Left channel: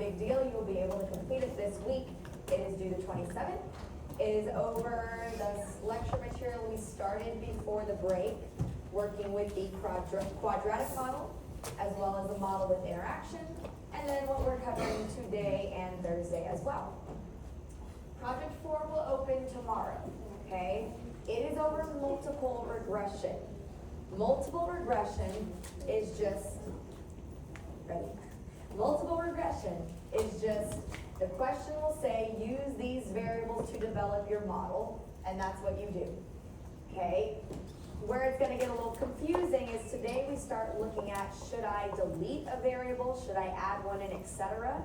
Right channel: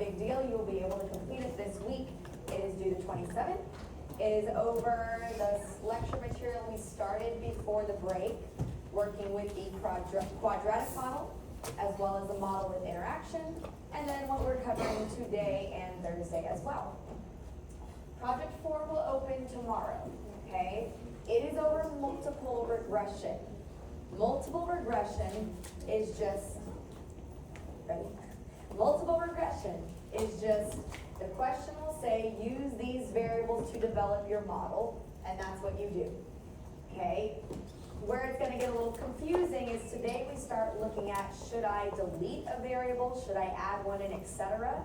big deal. You will be able to complete it this week. It is due the 27th. It is over the lecture material we started before the break, working with the quadratic model, as well as the model with interaction, and then what we're covering today and Thursday as well. Project 4 will open tomorrow, okay? It is over multiple regression. Multiple regression is just, ready? Multiple regression is just, the question will say, use these variables to develop your model, and that's what you do, okay? Where it's gonna get a little confusing is today we start looking at, should I delete a variable, should I add one in, etc.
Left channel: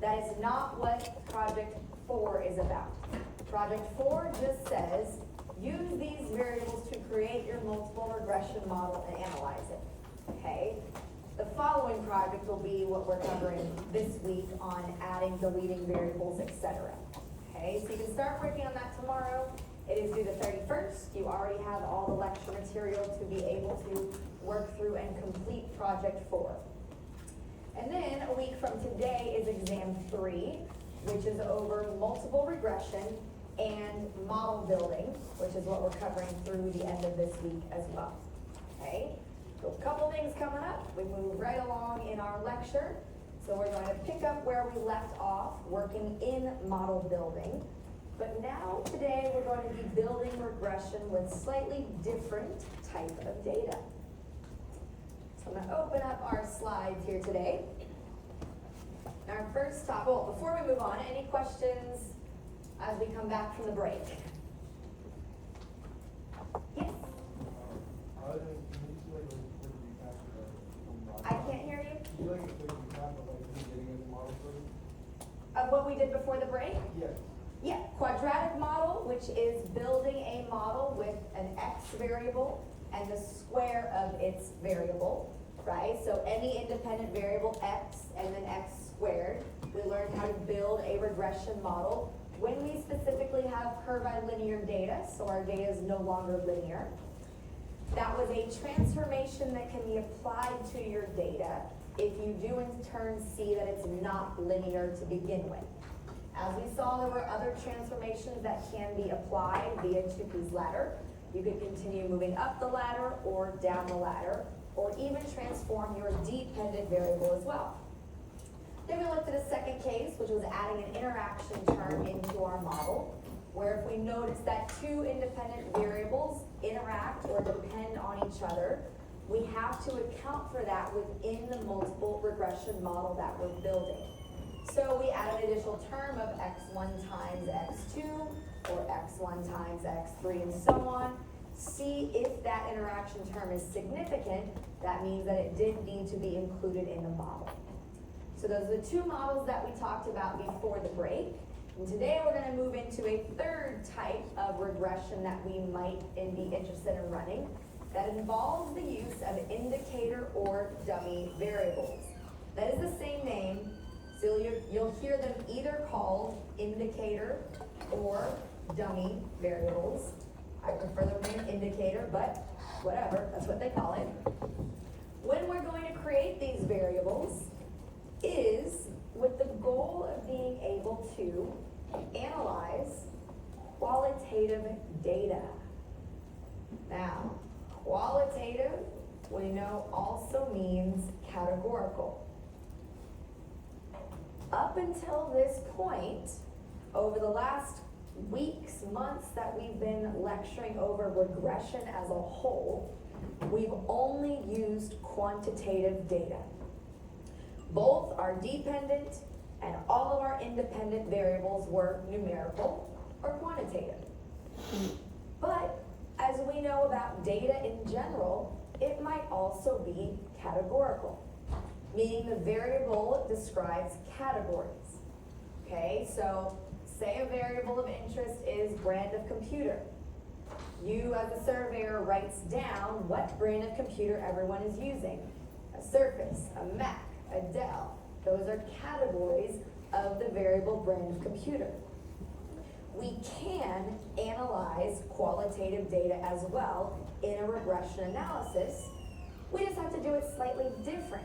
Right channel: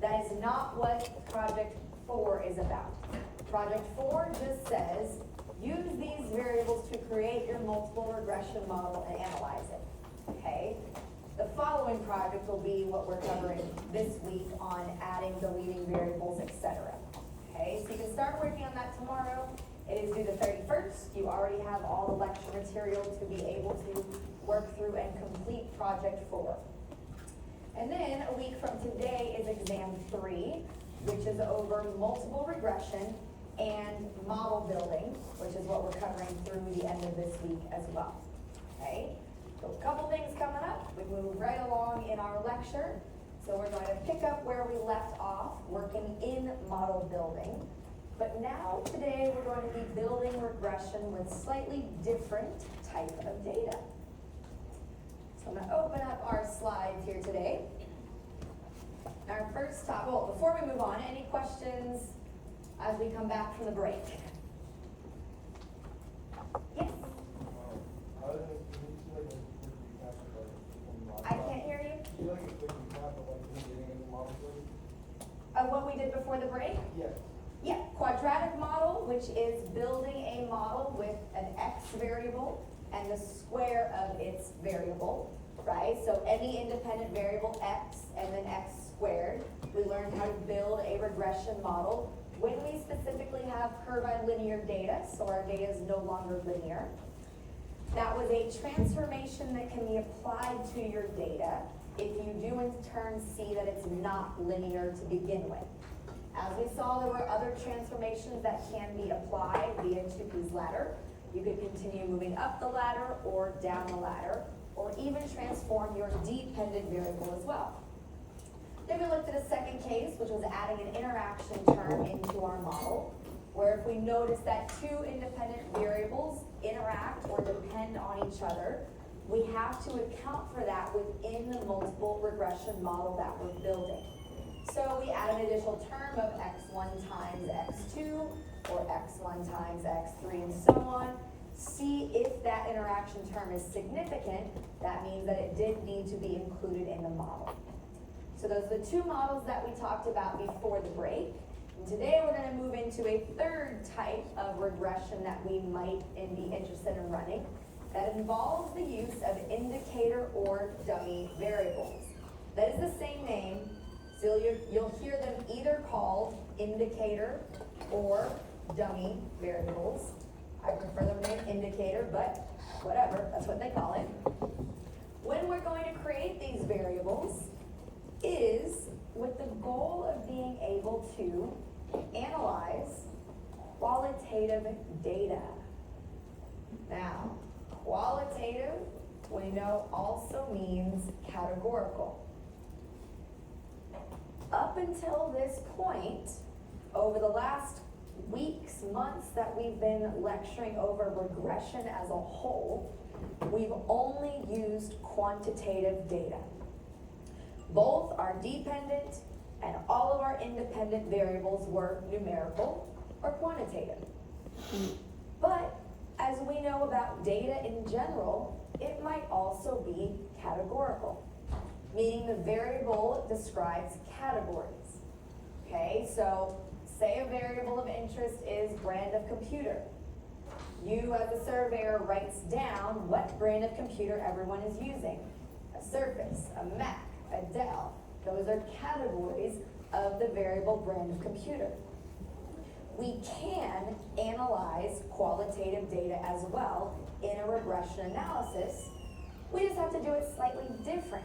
That is not what Project 4 is about. Project 4 just says, use these variables to create your multiple regression model and analyze it, okay? The following project will be what we're covering this week on adding, deleting variables, etc. Okay, so you can start working on that tomorrow. It is due the 31st. You already have all the lecture material to be able to work through and complete Project 4. And then a week from today is Exam 3, which is over multiple regression and model building, which is what we're covering through the end of this week as well. Okay? So a couple things coming up. We move right along in our lecture. So we're going to pick up where we left off, working in model building. But now, today, we're going to be building regression with slightly different type of data. So I'm going to open up our slides here today. Our first topic, well, before we move on, any questions as we come back from the break? Yes? I can't hear you. What we did before the break? Yes. Yeah, quadratic model, which is building a model with an x variable and the square of its variable, right? So any independent variable x and then x squared. We learned how to build a regression model when we specifically have curvilinear data, so our data is no longer linear. That was a transformation that can be applied to your data if you do in turn see that it's not linear to begin with. As we saw, there were other transformations that can be applied via Tukey's ladder. You could continue moving up the ladder or down the ladder, or even transform your dependent variable as well. Then we looked at a second case, which was adding an interaction term into our model, where if we notice that two independent variables interact or depend on each other, we have to account for that within the multiple regression model that we're building. So we add an additional term of x1 times x2, or x1 times x3, and so on. See if that interaction term is significant. That means that it did need to be included in the model. So those are the two models that we talked about before the break. And today we're going to move into a third type of regression that we might be interested in running that involves the use of indicator or dummy variables. That is the same name, so you'll hear them either called indicator or dummy variables. I prefer the name indicator, but whatever, that's what they call it. When we're going to create these variables is with the goal of being able to analyze qualitative data. Now, qualitative, we know, also means categorical. Up until this point, over the last weeks, months that we've been lecturing over regression as a whole, we've only used quantitative data. Both are dependent and all of our independent variables were numerical or quantitative. But as we know about data in general, it might also be categorical, meaning the variable describes categories. Okay, so say a variable of interest is brand of computer. You as a surveyor writes down what brand of computer everyone is using. A Surface, a Mac, a Dell. Those are categories of the variable brand of computer. We can analyze qualitative data as well in a regression analysis. We just have to do it slightly different.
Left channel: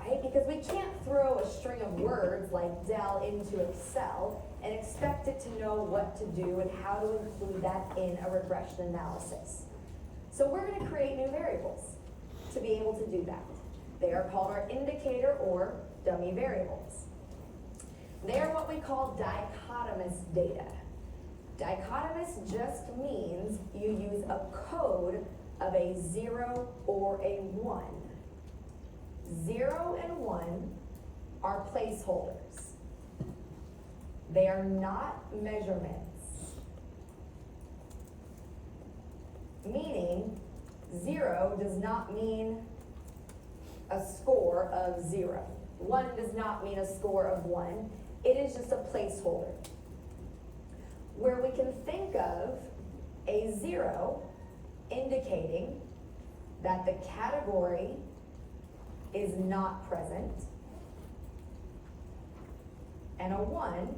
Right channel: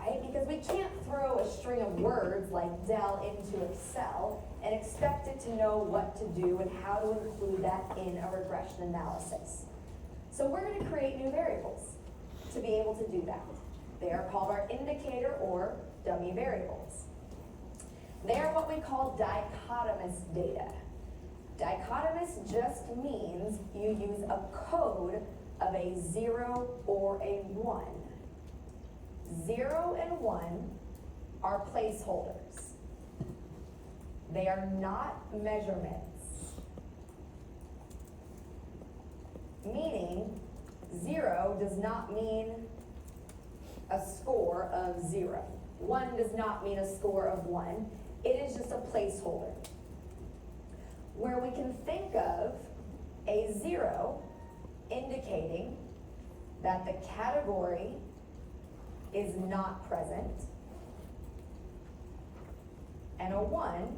right? Because we can't throw a string of words like del into Excel and expect it to know what to do and how to include that in a regression analysis. So we're going to create new variables to be able to do that. They are called our indicator or dummy variables. They are what we call dichotomous data. Dichotomous just means you use a code of a 0 or a 1. 0 and 1 are placeholders. They are not measurements. Meaning, 0 does not mean a score of 0. 1 does not mean a score of 1. It is just a placeholder. Where we can think of a 0 indicating that the category is not present, and a 1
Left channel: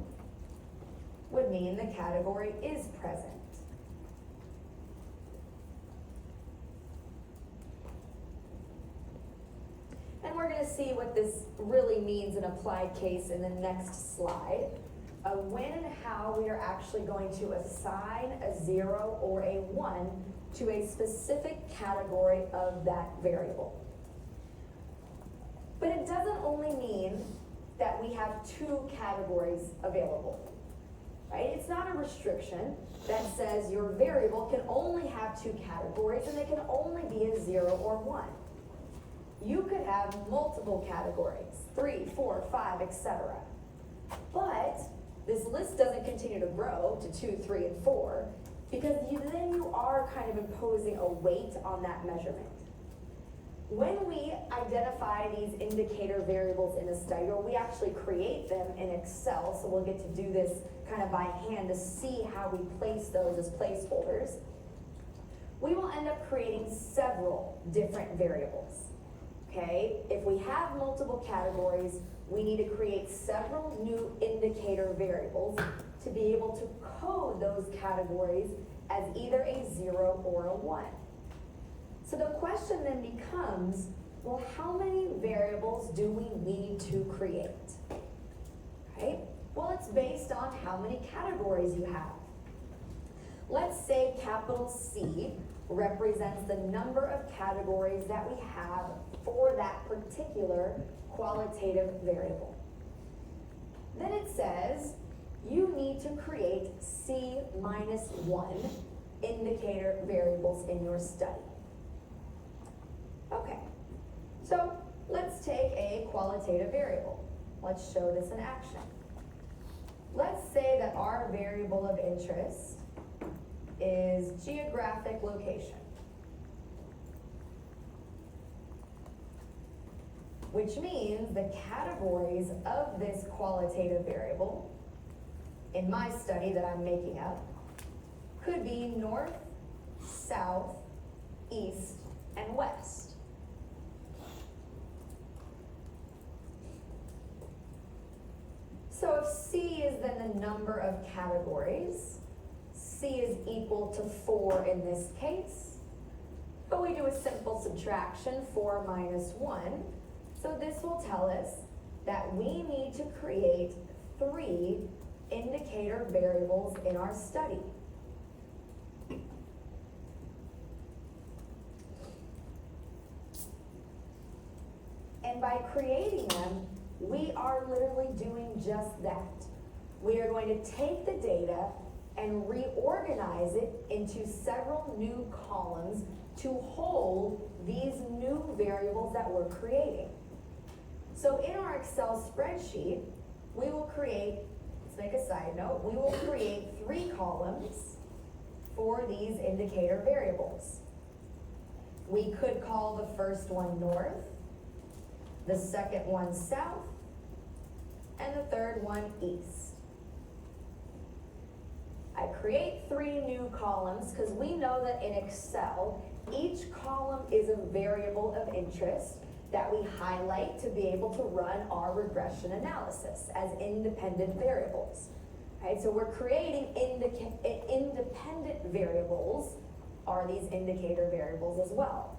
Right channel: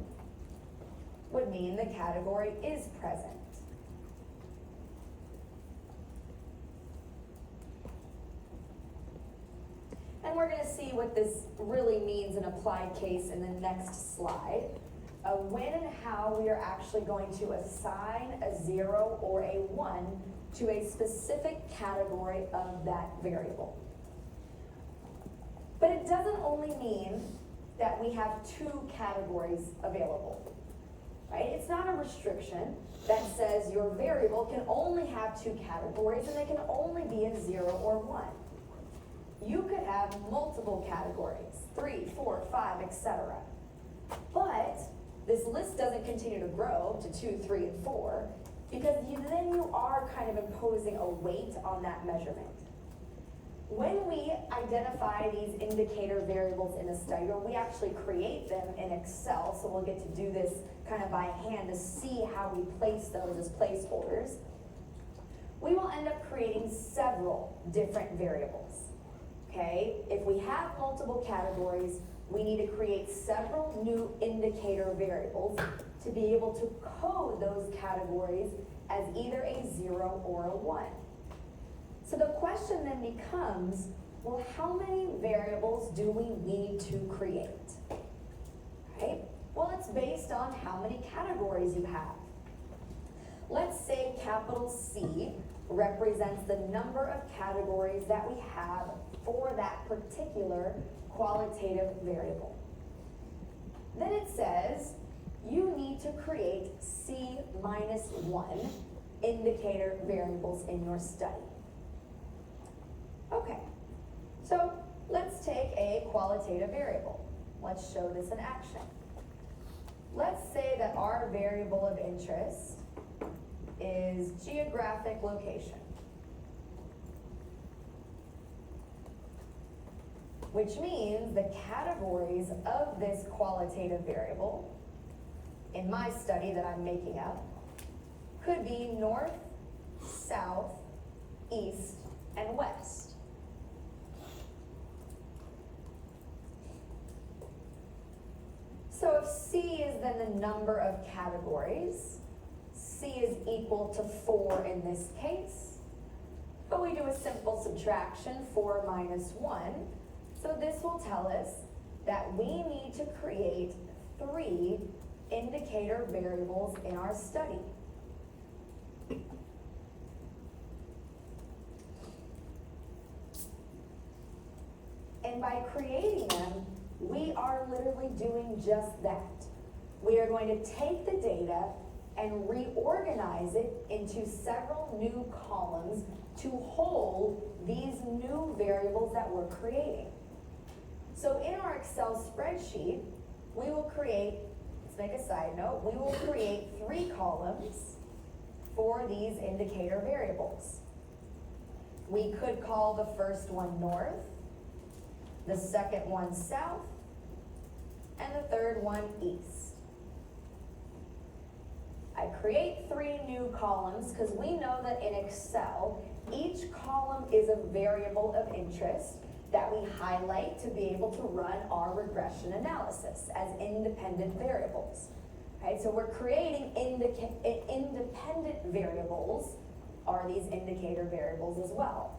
would mean the category is present. And we're going to see what this really means in applied case in the next slide. When and how we are actually going to assign a 0 or a 1 to a specific category of that variable. But it doesn't only mean that we have 2 categories available, right? It's not a restriction that says your variable can only have 2 categories and they can only be a 0 or 1. You could have multiple categories, 3, 4, 5, etc. But this list doesn't continue to grow to 2, 3, and 4 because then you are kind of imposing a weight on that measurement. When we identify these indicator variables in a study, or we actually create them in Excel, so we'll get to do this kind of by hand to see how we place those as placeholders, we will end up creating several different variables. Okay, if we have multiple categories, we need to create several new indicator variables to be able to code those categories as either a 0 or a 1. So the question then becomes, well, how many variables do we need to create? Right? Well, it's based on how many categories you have. Let's say capital C represents the number of categories that we have for that particular qualitative variable. Then it says you need to create C minus 1 indicator variables in your study. Okay, so let's take a qualitative variable. Let's show this in action. Let's say that our variable of interest is geographic location, which means the categories of this qualitative variable, in my study that I'm making up, could be north, south, east, and west. So if C is then the number of categories, C is equal to 4 in this case, but we do a simple subtraction, 4 minus 1. So this will tell us that we need to create 3 indicator variables in our study. And by creating them, we are literally doing just that. We are going to take the data and reorganize it into several new columns to hold these new variables that we're creating. So in our Excel spreadsheet, we will create, let's make a side note, we will create 3 columns for these indicator variables. We could call the first one north, the second one south, and the third one east. I create 3 new columns because we know that in Excel, each column is a variable of interest that we highlight to be able to run our regression analysis as independent variables. Right, so we're creating independent variables, are these indicator variables as well.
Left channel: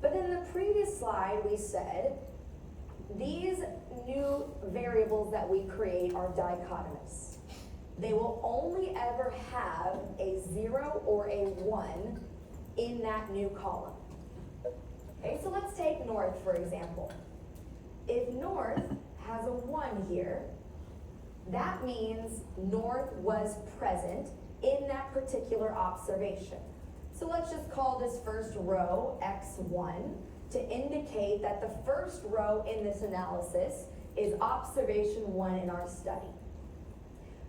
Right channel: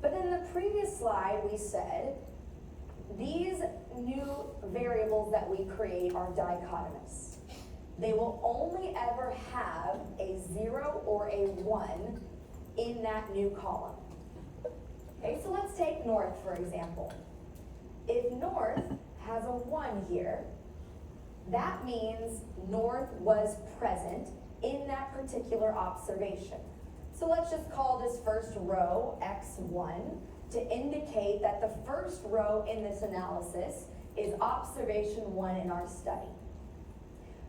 But in the previous slide, we said these new variables that we create are dichotomous. They will only ever have a 0 or a 1 in that new column. Okay, so let's take north, for example. If north has a 1 here, that means north was present in that particular observation. So let's just call this first row x1 to indicate that the first row in this analysis is observation 1 in our study.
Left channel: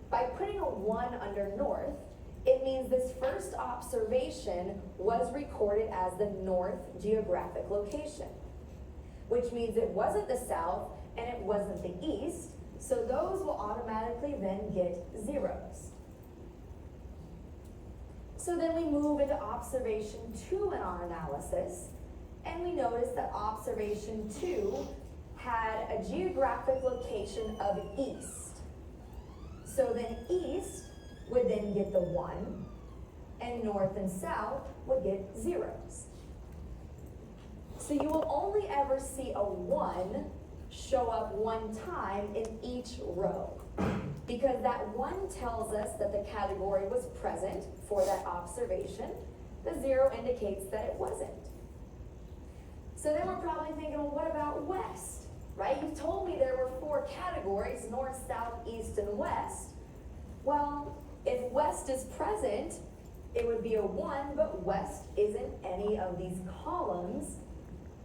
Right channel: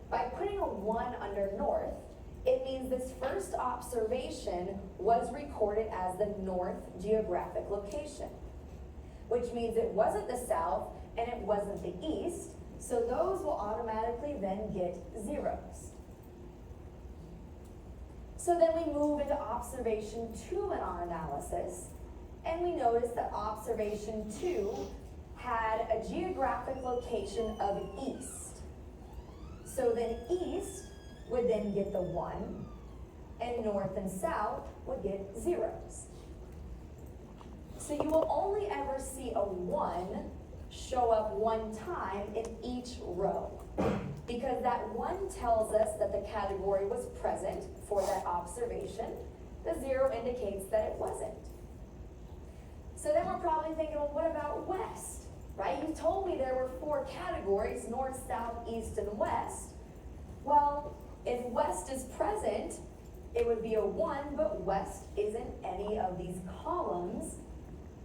By putting a 1 under north, it means this first observation was recorded as the north geographic location, which means it wasn't the south and it wasn't the east, so those will automatically then get zeros. So then we move into observation 2 in our analysis, and we notice that observation 2 had a geographic location of east. So then east would then get the 1, and north and south would get zeros. So you will only ever see a 1 show up 1 time in each row, because that 1 tells us that the category was present for that observation. The 0 indicates that it wasn't. So then we're probably thinking, well, what about west, right? You told me there were 4 categories, north, south, east, and west. Well, if west is present, it would be a 1, but west isn't any of these columns.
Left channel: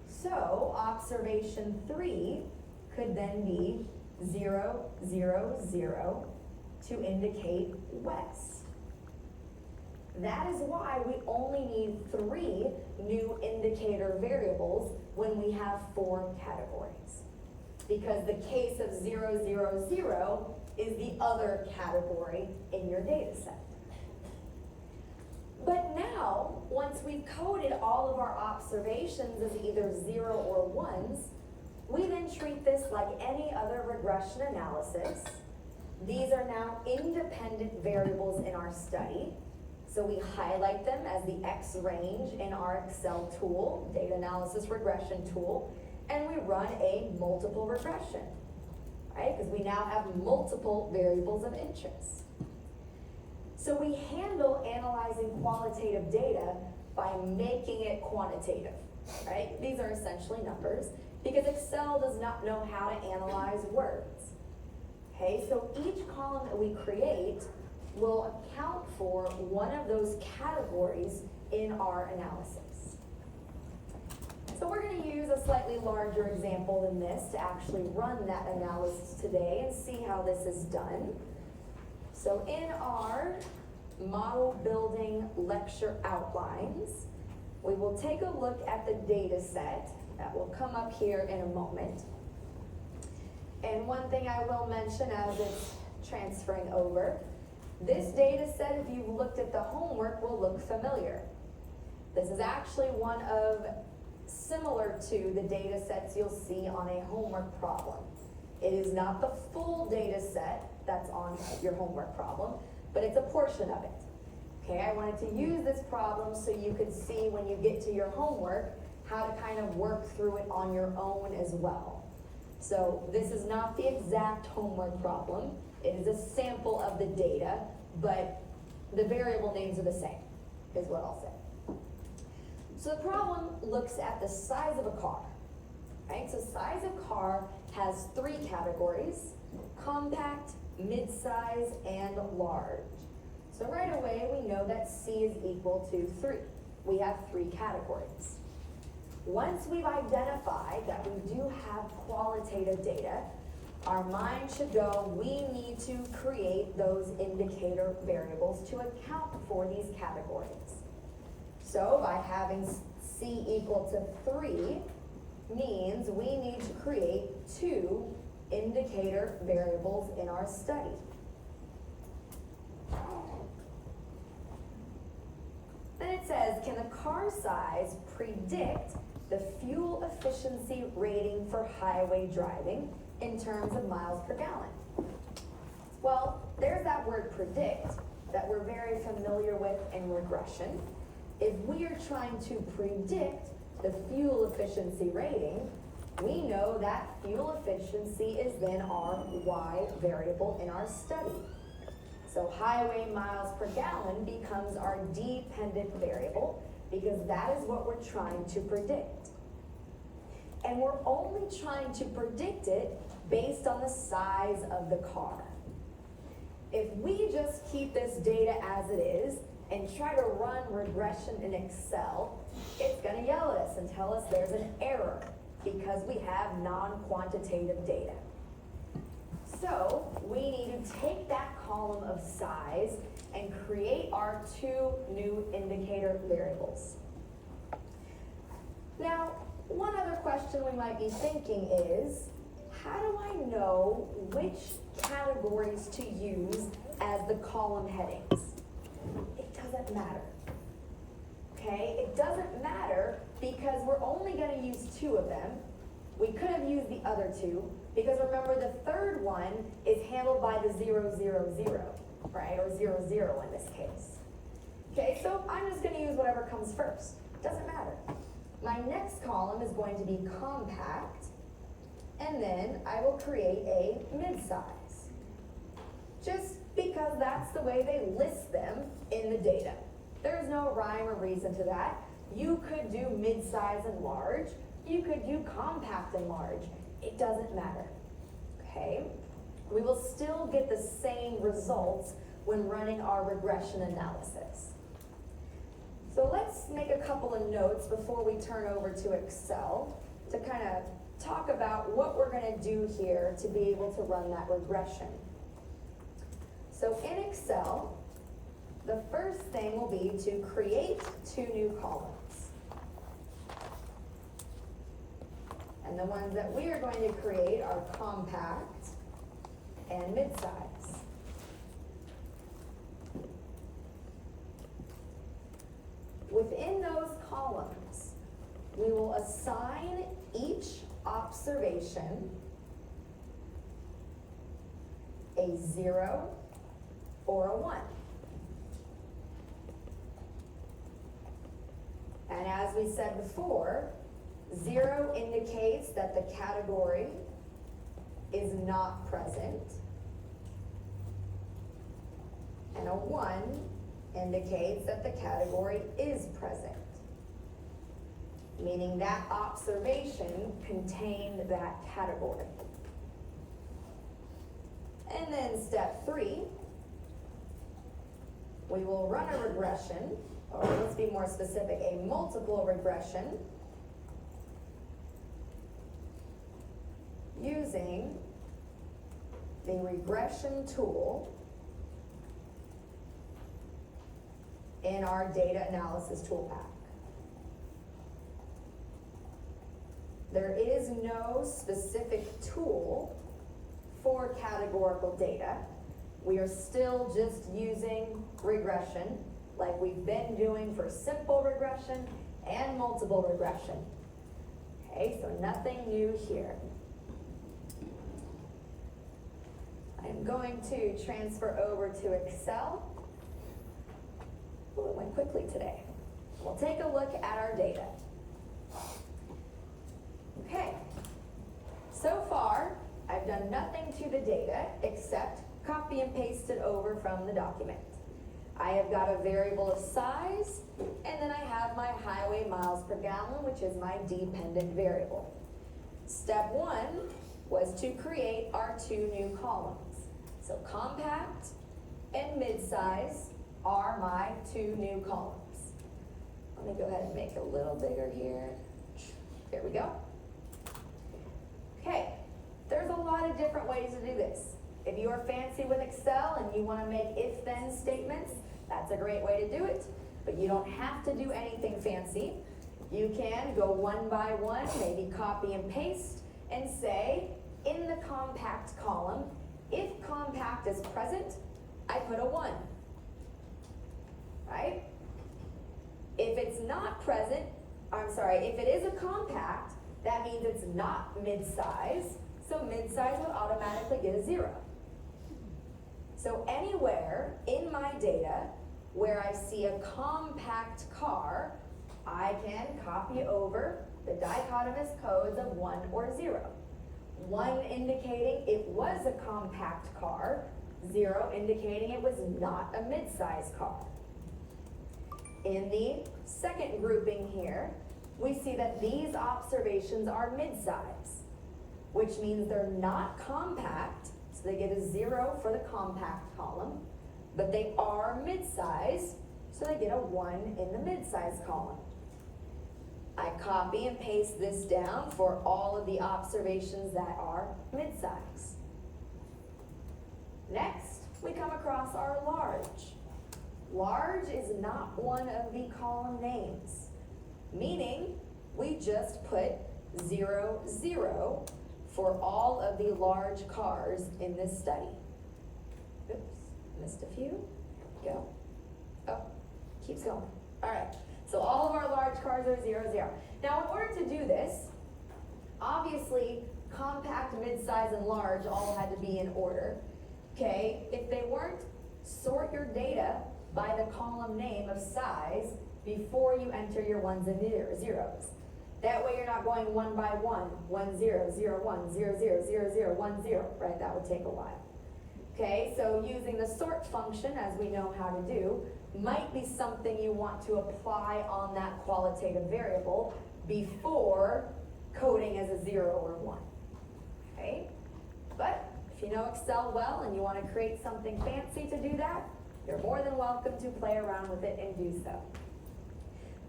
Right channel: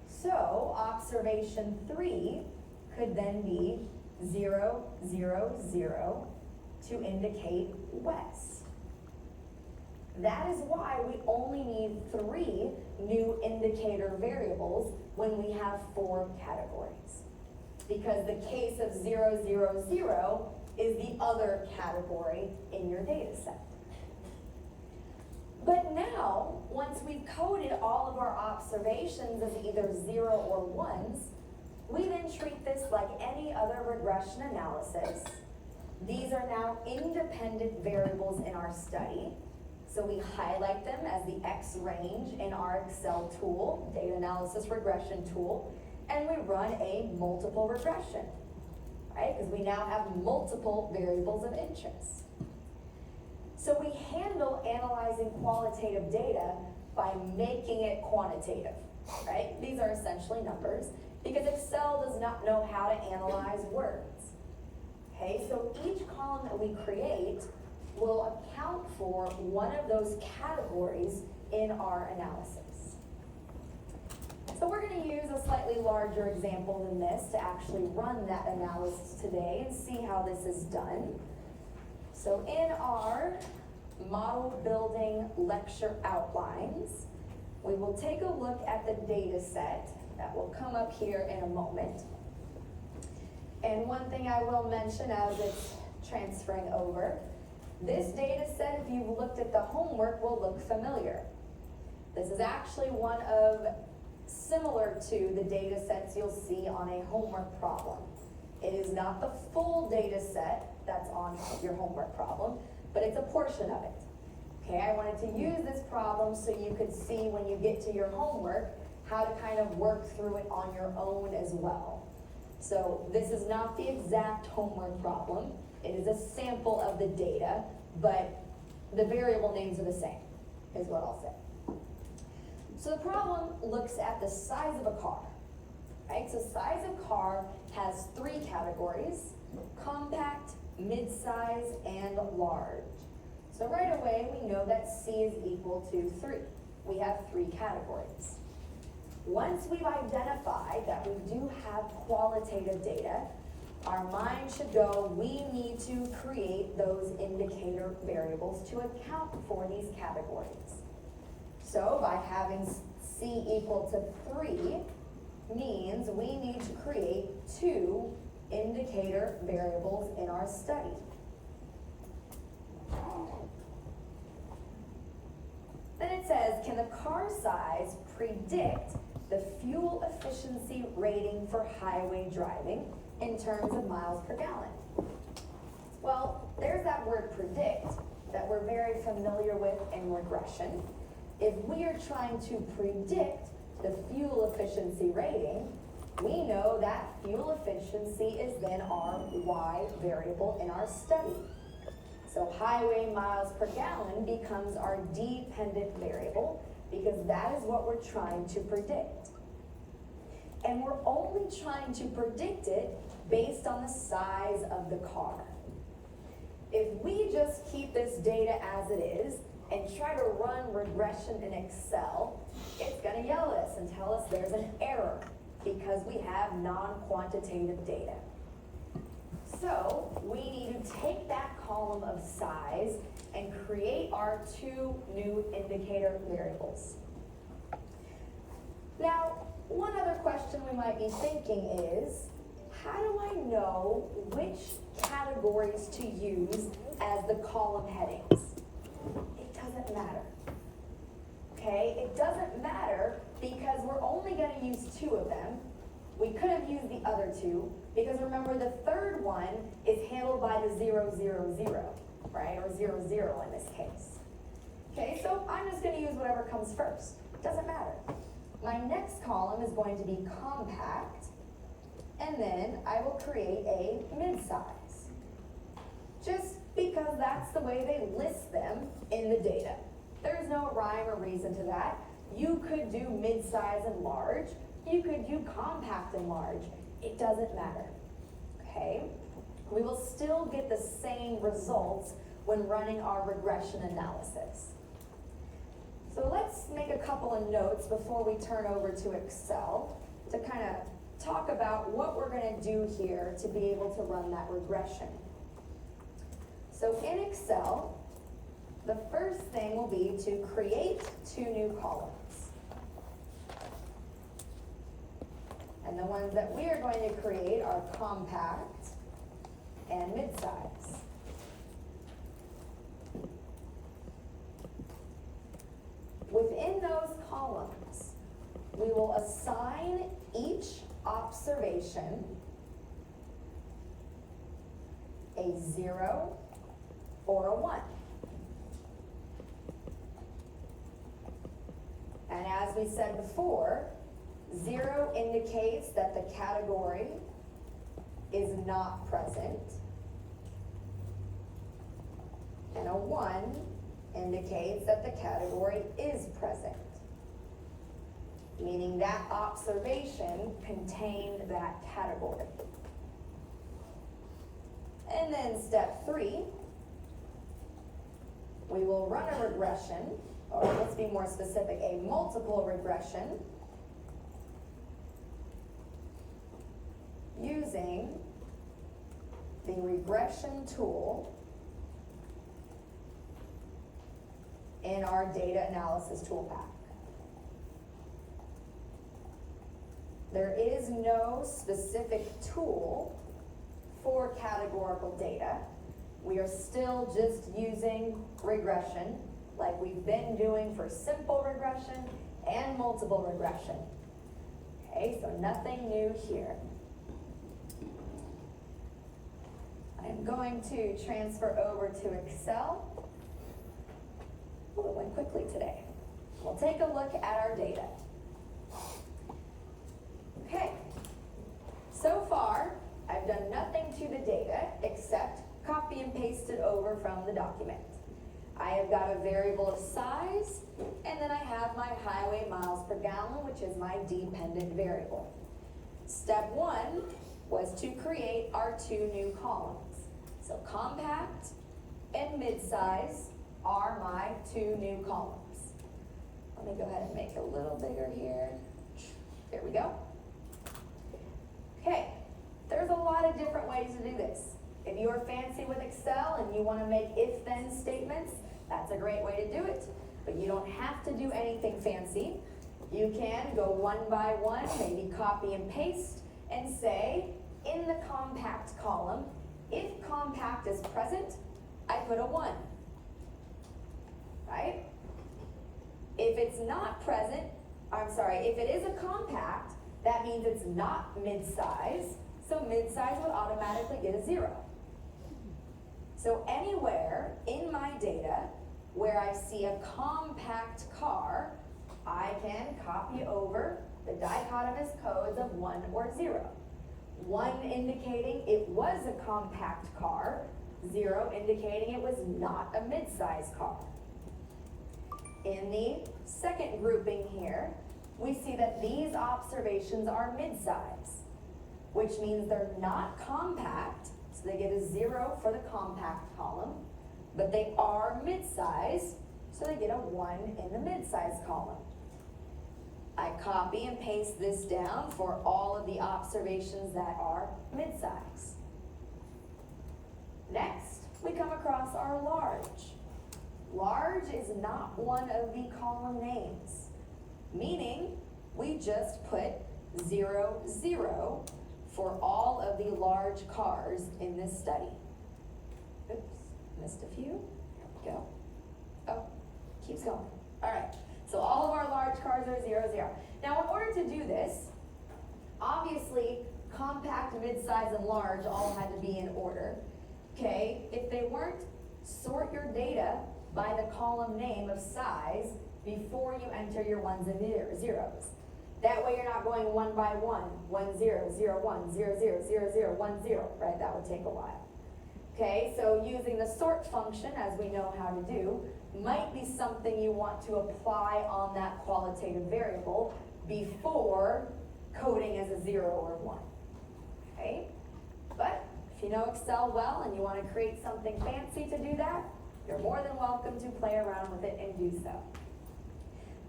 So observation 3 could then be 0, 0, 0 to indicate west. That is why we only need 3 new indicator variables when we have 4 categories. Because the case of 0, 0, 0 is the other category in your data set. But now, once we've coded all of our observations as either 0 or 1s, we then treat this like any other regression analysis. These are now independent variables in our study. So we highlight them as the X range in our Excel tool, data analysis regression tool, and we run a multiple regression, right? Because we now have multiple variables of interest. So we handle analyzing qualitative data by making it quantitative, right? These are essentially numbers, because Excel does not know how to analyze words. Okay, so each column that we create will account for one of those categories in our analysis. So we're going to use a slightly larger example than this to actually run that analysis today and see how this is done. So in our model building lecture outlines, we will take a look at the data set that will come up here in a moment. And one thing I will mention as it's transferring over, this data set, if you've looked at the homework, will look familiar. This is actually one of similar to the data sets you'll see on a homework problem. It is not the full data set that's on your homework problem, but it's a portion of it. Okay, I wanted to use this problem so you could see when you get to your homework how to kind of work through it on your own as well. So this is not the exact homework problem. It is a sample of the data, but the variable names are the same, is what I'll say. So the problem looks at the size of a car, right? So size of car has 3 categories: compact, mid-size, and large. So right away, we know that C is equal to 3. We have 3 categories. Once we've identified that we do have qualitative data, our mind should go, we need to create those indicator variables to account for these categories. So by having C equal to 3 means we need to create 2 indicator variables in our study. Then it says, can the car size predict the fuel efficiency rating for highway driving in terms of miles per gallon? Well, there's that word predict that we're very familiar with in regression. If we are trying to predict the fuel efficiency rating, we know that fuel efficiency is then our Y variable in our study. So highway miles per gallon becomes our dependent variable because that is what we're trying to predict. And we're only trying to predict it based on the size of the car. If we just keep this data as it is and try to run regression in Excel, it's going to yell at us and tell us there's an error because we have non-quantitative data. So we need to take that column of size and create our two new indicator variables. Now, one other question we might be thinking is, how do I know which categories to use as the column headings? It doesn't matter. Okay, it doesn't matter because we're only going to use two of them. We could have used the other two because remember the third one is handled by the 0, 0, 0, right? Or 0, 0 in this case. Okay, so I'm just going to use whatever comes first. Doesn't matter. My next column is going to be compact, and then I will create a mid-size. Just because that's the way they list them in the data. There's no rhyme or reason to that. You could do mid-size and large. You could do compact and large. It doesn't matter, okay? We will still get the same results when running our regression analysis. So let's make a couple of notes before we turn over to Excel to kind of talk about what we're going to do here to be able to run that regression. So in Excel, the first thing will be to create two new columns. And the ones that we are going to create are compact and mid-size. Within those columns, we will assign each observation a 0 or a 1. And as we said before, 0 indicates that the category is not present, and a 1 indicates that the category is present, meaning that observation contained that category. And then step 3, we will run a regression, or let's be more specific, a multiple regression using the regression tool in our data analysis toolpath. There is no specific tool for categorical data. We are still just using regression like we've been doing for simple regression and multiple regression. Okay, so nothing new here. I'm going to transfer over to Excel. Oh, it went quickly today. We'll take a look at our data. Okay, so far I've done nothing to the data except copy and paste it over from the document. I have got a variable of size, and then I have my highway miles per gallon, which is my dependent variable. Step 1 was to create our two new columns. So compact and mid-size are my two new columns. Let me go ahead and make it a little bigger here. There we go. Okay, there's a lot of different ways to do this. If you are fancy with Excel and you want to make if-then statements, that's a great way to do it. But you don't have to do anything fancy. You can go one by one, maybe copy and paste, and say, in the compact column, if compact is present, I put a 1. Right? If it's not present, if it is a compact, that means it's not mid-size, so mid-size would automatically get a 0. So anywhere in my data where I see a compact car, I can copy over the dichotomous codes of 1 or 0. 1 indicating it was a compact car, 0 indicating it was not a mid-size car. In the second grouping here, we see that these observations are mid-size, which means they're not compact, so they get a 0 for the compact column, but they are mid-size, so they get a 1 in the mid-size column. I copy and paste this down for all of the observations that are mid-size. Next, we come across our large. Large is not one of the column names, meaning we just put 0, 0 for all of the large cars in this study. Oops, missed a few. There we go. Oh, keeps going. All right. So all of our large cars are 0, 0. Now, in order to do this, obviously, compact, mid-size, and large all had to be in order. Okay, if they weren't, sort your data by the column name of size before you enter your ones and zeros. That way you're not going 1 by 1, 1, 0, 0, 1, 0, 0, 0, 0, 1, 0, right? That would take a while. Okay, so using the sort function, as we know how to do, might be something you want to apply on that qualitative variable before coding as a 0 or 1. Okay, but if you know Excel well and you want to create something fancy to do that, you're more than welcome to play around with it and do so.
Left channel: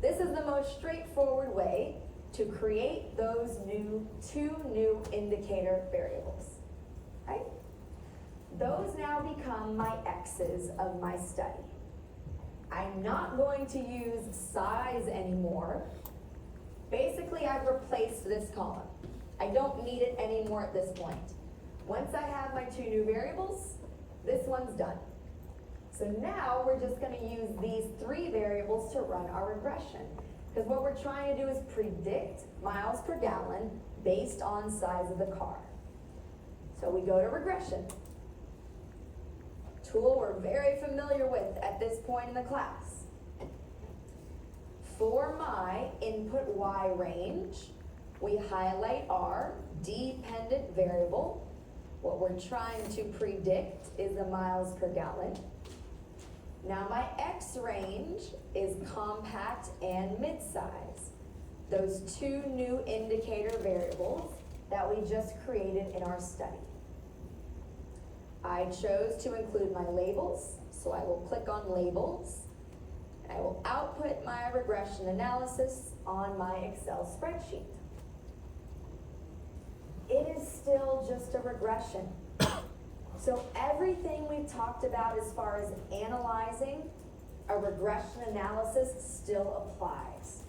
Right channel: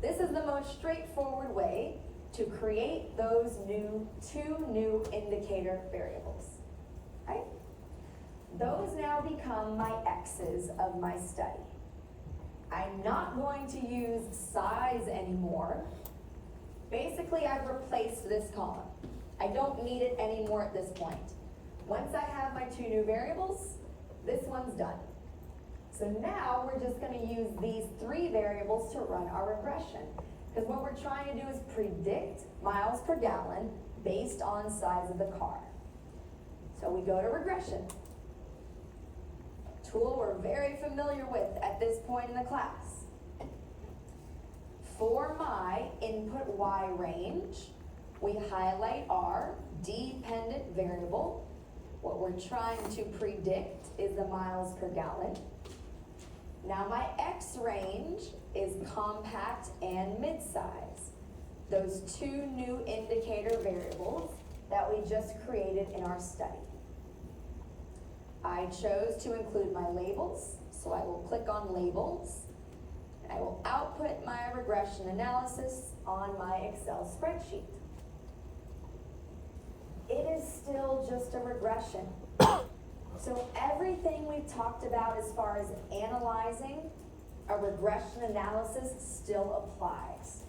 This is the most straightforward way to create those two new indicator variables. Right? Those now become my X's of my study. I'm not going to use size anymore. Basically, I've replaced this column. I don't need it anymore at this point. Once I have my 2 new variables, this one's done. So now we're just going to use these 3 variables to run our regression. Because what we're trying to do is predict miles per gallon based on size of the car. So we go to regression. Tool we're very familiar with at this point in the class. For my input Y range, we highlight our dependent variable. What we're trying to predict is the miles per gallon. Now my X range is compact and mid-size. Those 2 new indicator variables that we just created in our study. I chose to include my labels, so I will click on labels. I will output my regression analysis on my Excel spreadsheet. It is still just a regression. So everything we've talked about as far as analyzing a regression analysis still applies.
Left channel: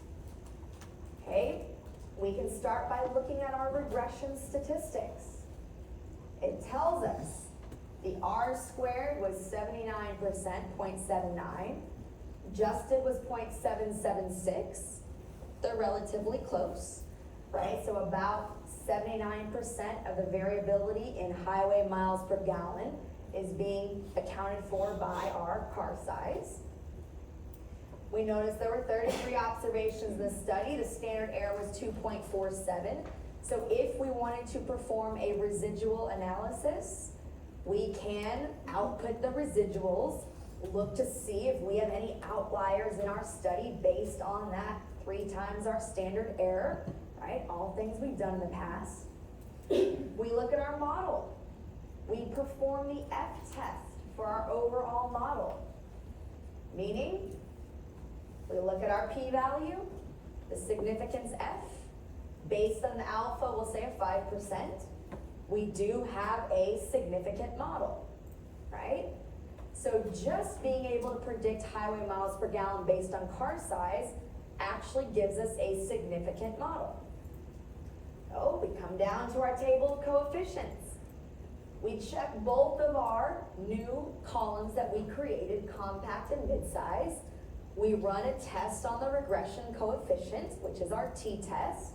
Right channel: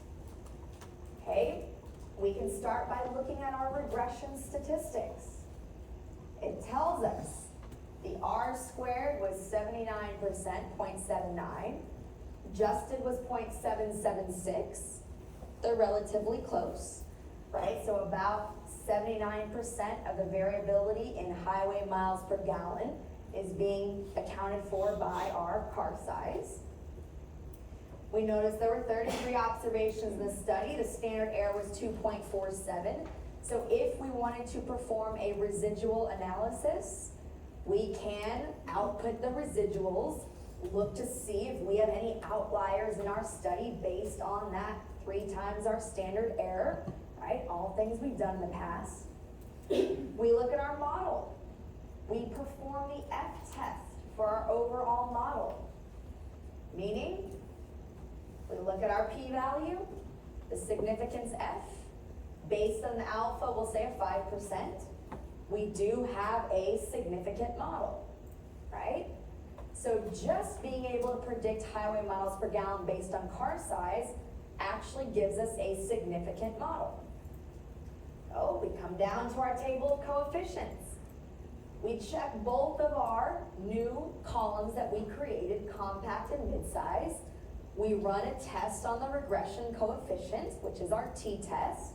Okay, we can start by looking at our regression statistics. It tells us the R squared was 79%, 0.79. Adjusted was 0.776. They're relatively close, right? So about 79% of the variability in highway miles per gallon is being accounted for by our car size. We noticed there were 33 observations in the study. The standard error was 2.47. So if we wanted to perform a residual analysis, we can output the residuals, look to see if we have any outliers in our study based on that 3 times our standard error, right? All things we've done in the past. We look at our model. We perform the F-test for our overall model. Meaning, we look at our p-value, the significance F, based on the alpha, we'll say a 5%. We do have a significant model, right? So just being able to predict highway miles per gallon based on car size actually gives us a significant model. Oh, we come down to our table of coefficients. We check both of our new columns that we created, compact and mid-size. We run a test on the regression coefficient, which is our t-test.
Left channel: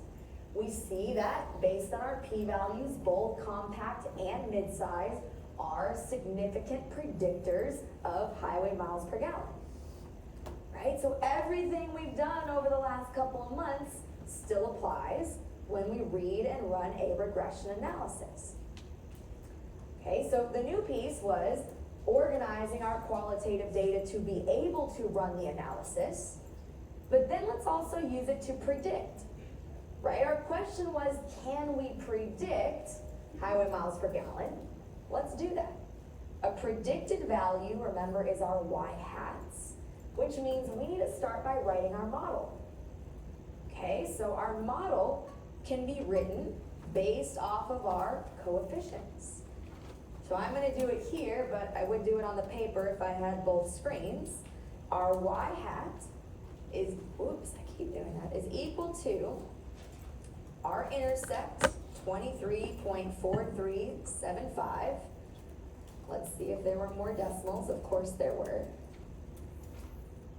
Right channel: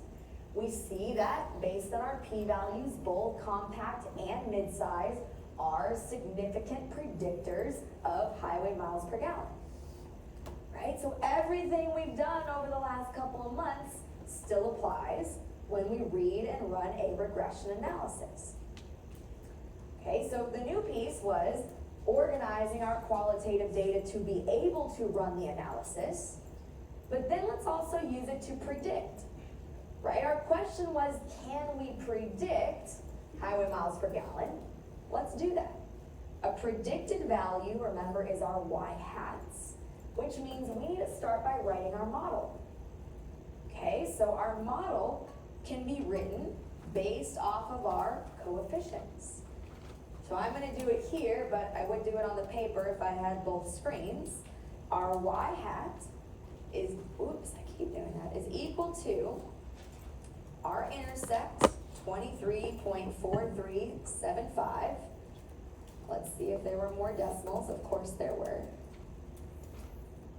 We see that based on our p-values, both compact and mid-size are significant predictors of highway miles per gallon. Right? So everything we've done over the last couple of months still applies when we read and run a regression analysis. Okay, so the new piece was organizing our qualitative data to be able to run the analysis, but then let's also use it to predict, right? Our question was, can we predict highway miles per gallon? Let's do that. A predicted value, remember, is our y-hats, which means we need to start by writing our model. Okay, so our model can be written based off of our coefficients. So I'm going to do it here, but I would do it on the paper if I had both screens. Our y-hat is, oops, I keep doing that, is equal to our intercept, 23.4375. Let's see if there were more decimals. Of course there were.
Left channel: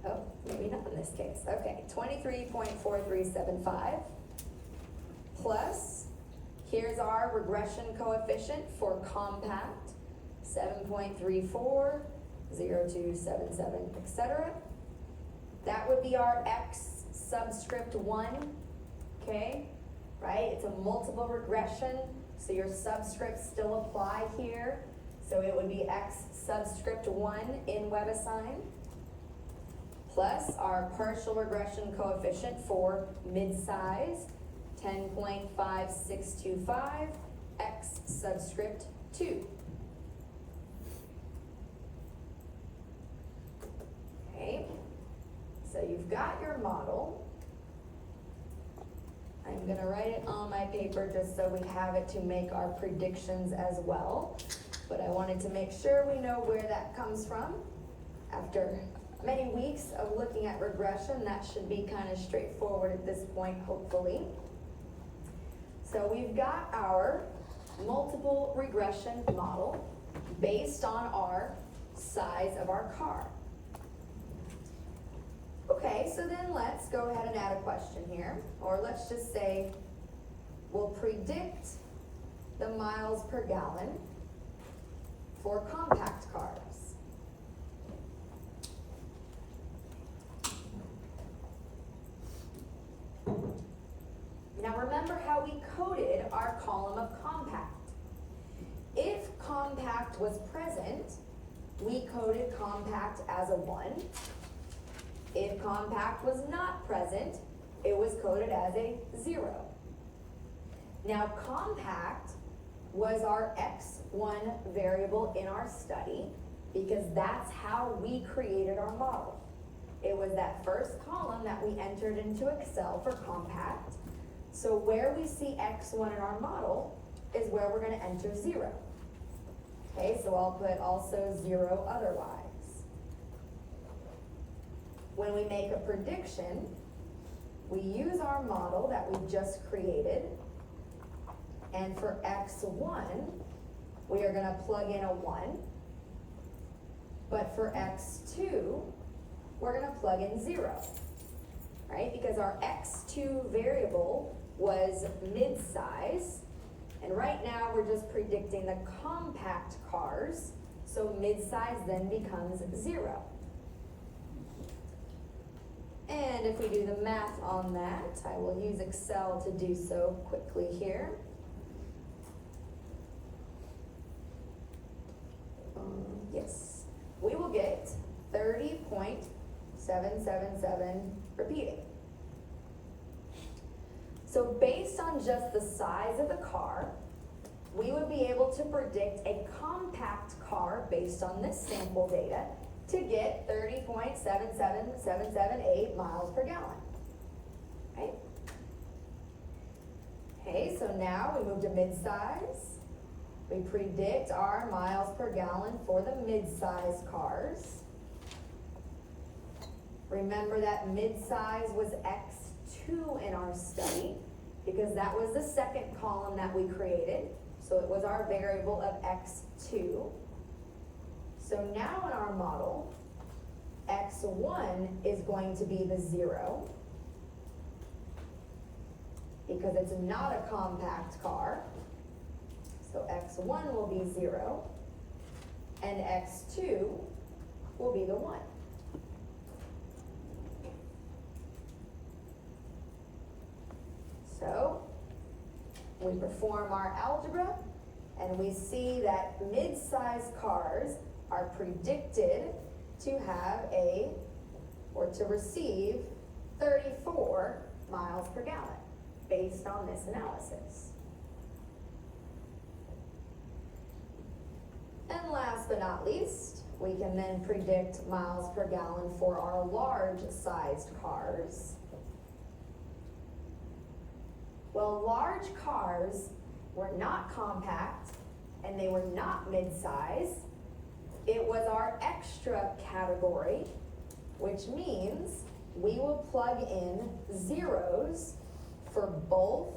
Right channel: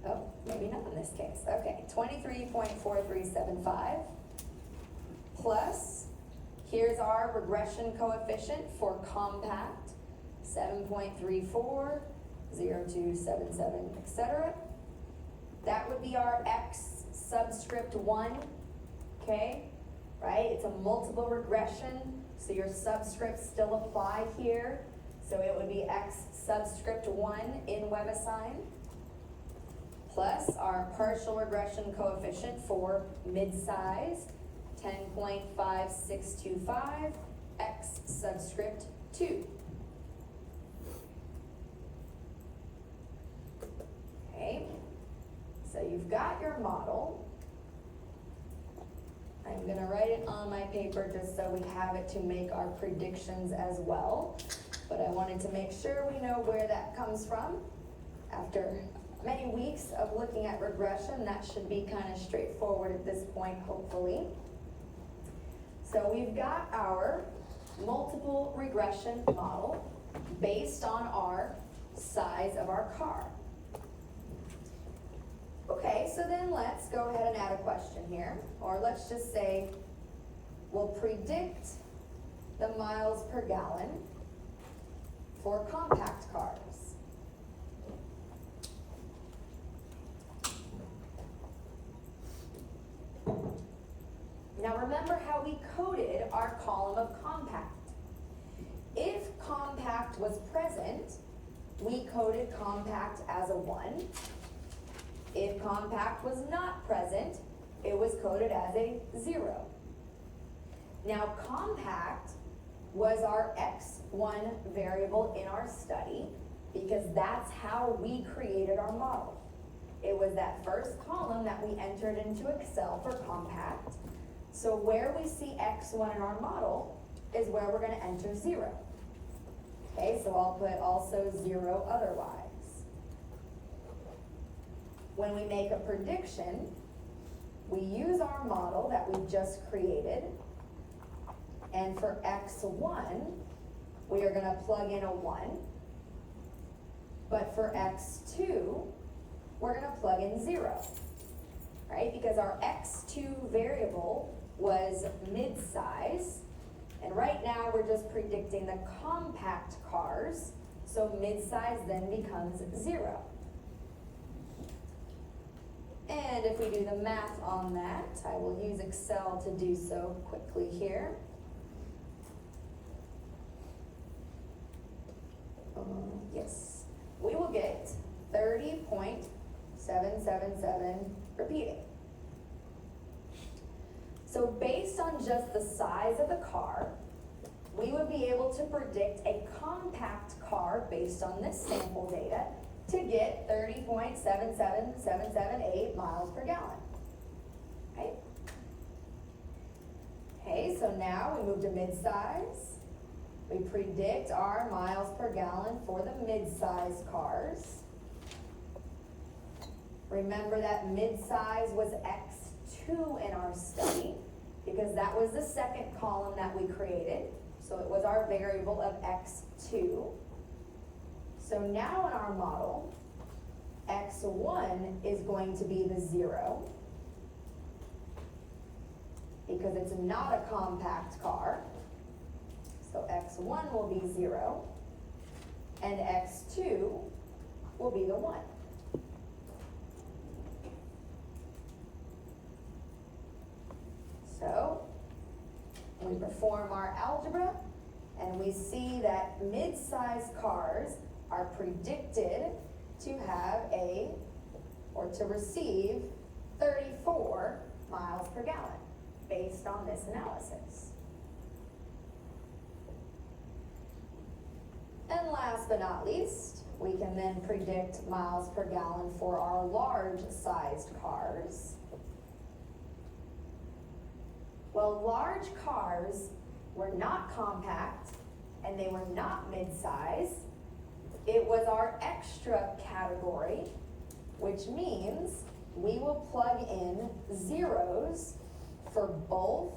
Oh, maybe not in this case. Okay, 23.4375 plus, here's our regression coefficient for compact, 7.34, 0277, etc. That would be our x subscript 1, okay? Right? It's a multiple regression, so your subscripts still apply here. So it would be x subscript 1 in WebAssign, plus our partial regression coefficient for mid-size, 10.5625, x subscript 2. Okay, so you've got your model. I'm going to write it on my paper just so we have it to make our predictions as well. But I wanted to make sure we know where that comes from. After many weeks of looking at regression, that should be kind of straightforward at this point, hopefully. So we've got our multiple regression model based on our size of our car. Okay, so then let's go ahead and add a question here. Or let's just say we'll predict the miles per gallon for compact cars. Now remember how we coded our column of compact. If compact was present, we coded compact as a 1. If compact was not present, it was coded as a 0. Now compact was our x1 variable in our study because that's how we created our model. It was that first column that we entered into Excel for compact. So where we see x1 in our model is where we're going to enter 0. Okay, so I'll put also 0 otherwise. When we make a prediction, we use our model that we just created, and for x1, we are going to plug in a 1, but for x2, we're going to plug in 0, right? Because our x2 variable was mid-size, and right now we're just predicting the compact cars, so mid-size then becomes 0. And if we do the math on that, I will use Excel to do so quickly here. Yes, we will get 30.777 repeating. So based on just the size of the car, we would be able to predict a compact car based on this sample data to get 30.77778 miles per gallon. Okay? Okay, so now we move to mid-size. We predict our miles per gallon for the mid-size cars. Remember that mid-size was x2 in our study because that was the second column that we created. So it was our variable of x2. So now in our model, x1 is going to be the 0 because it's not a compact car. So x1 will be 0 and x2 will be the 1. We perform our algebra, and we see that mid-sized cars are predicted to have to receive 34 miles per gallon, based on this analysis. And last but not least, we can then predict miles per gallon for our large-sized cars. Well, large cars were not compact, and they were not mid-size. It was our extra category, which means we will plug in zeros for both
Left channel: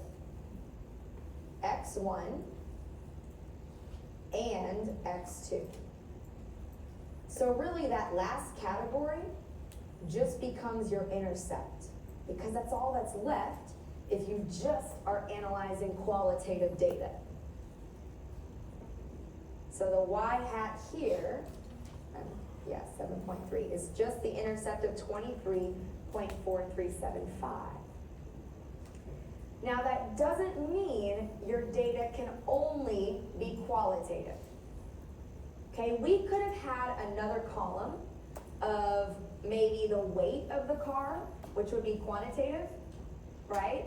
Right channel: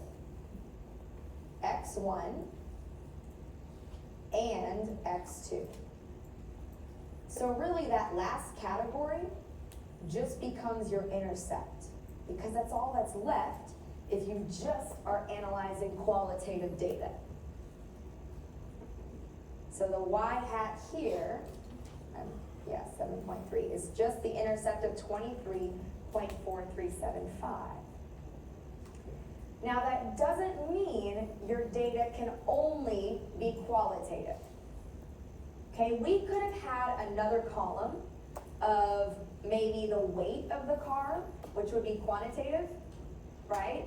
X1 and X2. So really that last category just becomes your intercept, because that's all that's left if you just are analyzing qualitative data. So the y hat here, 7.3, is just the intercept of 23.4375. Now that doesn't mean your data can only be qualitative. Okay, we could have had another column of maybe the weight of the car, which would be quantitative, right?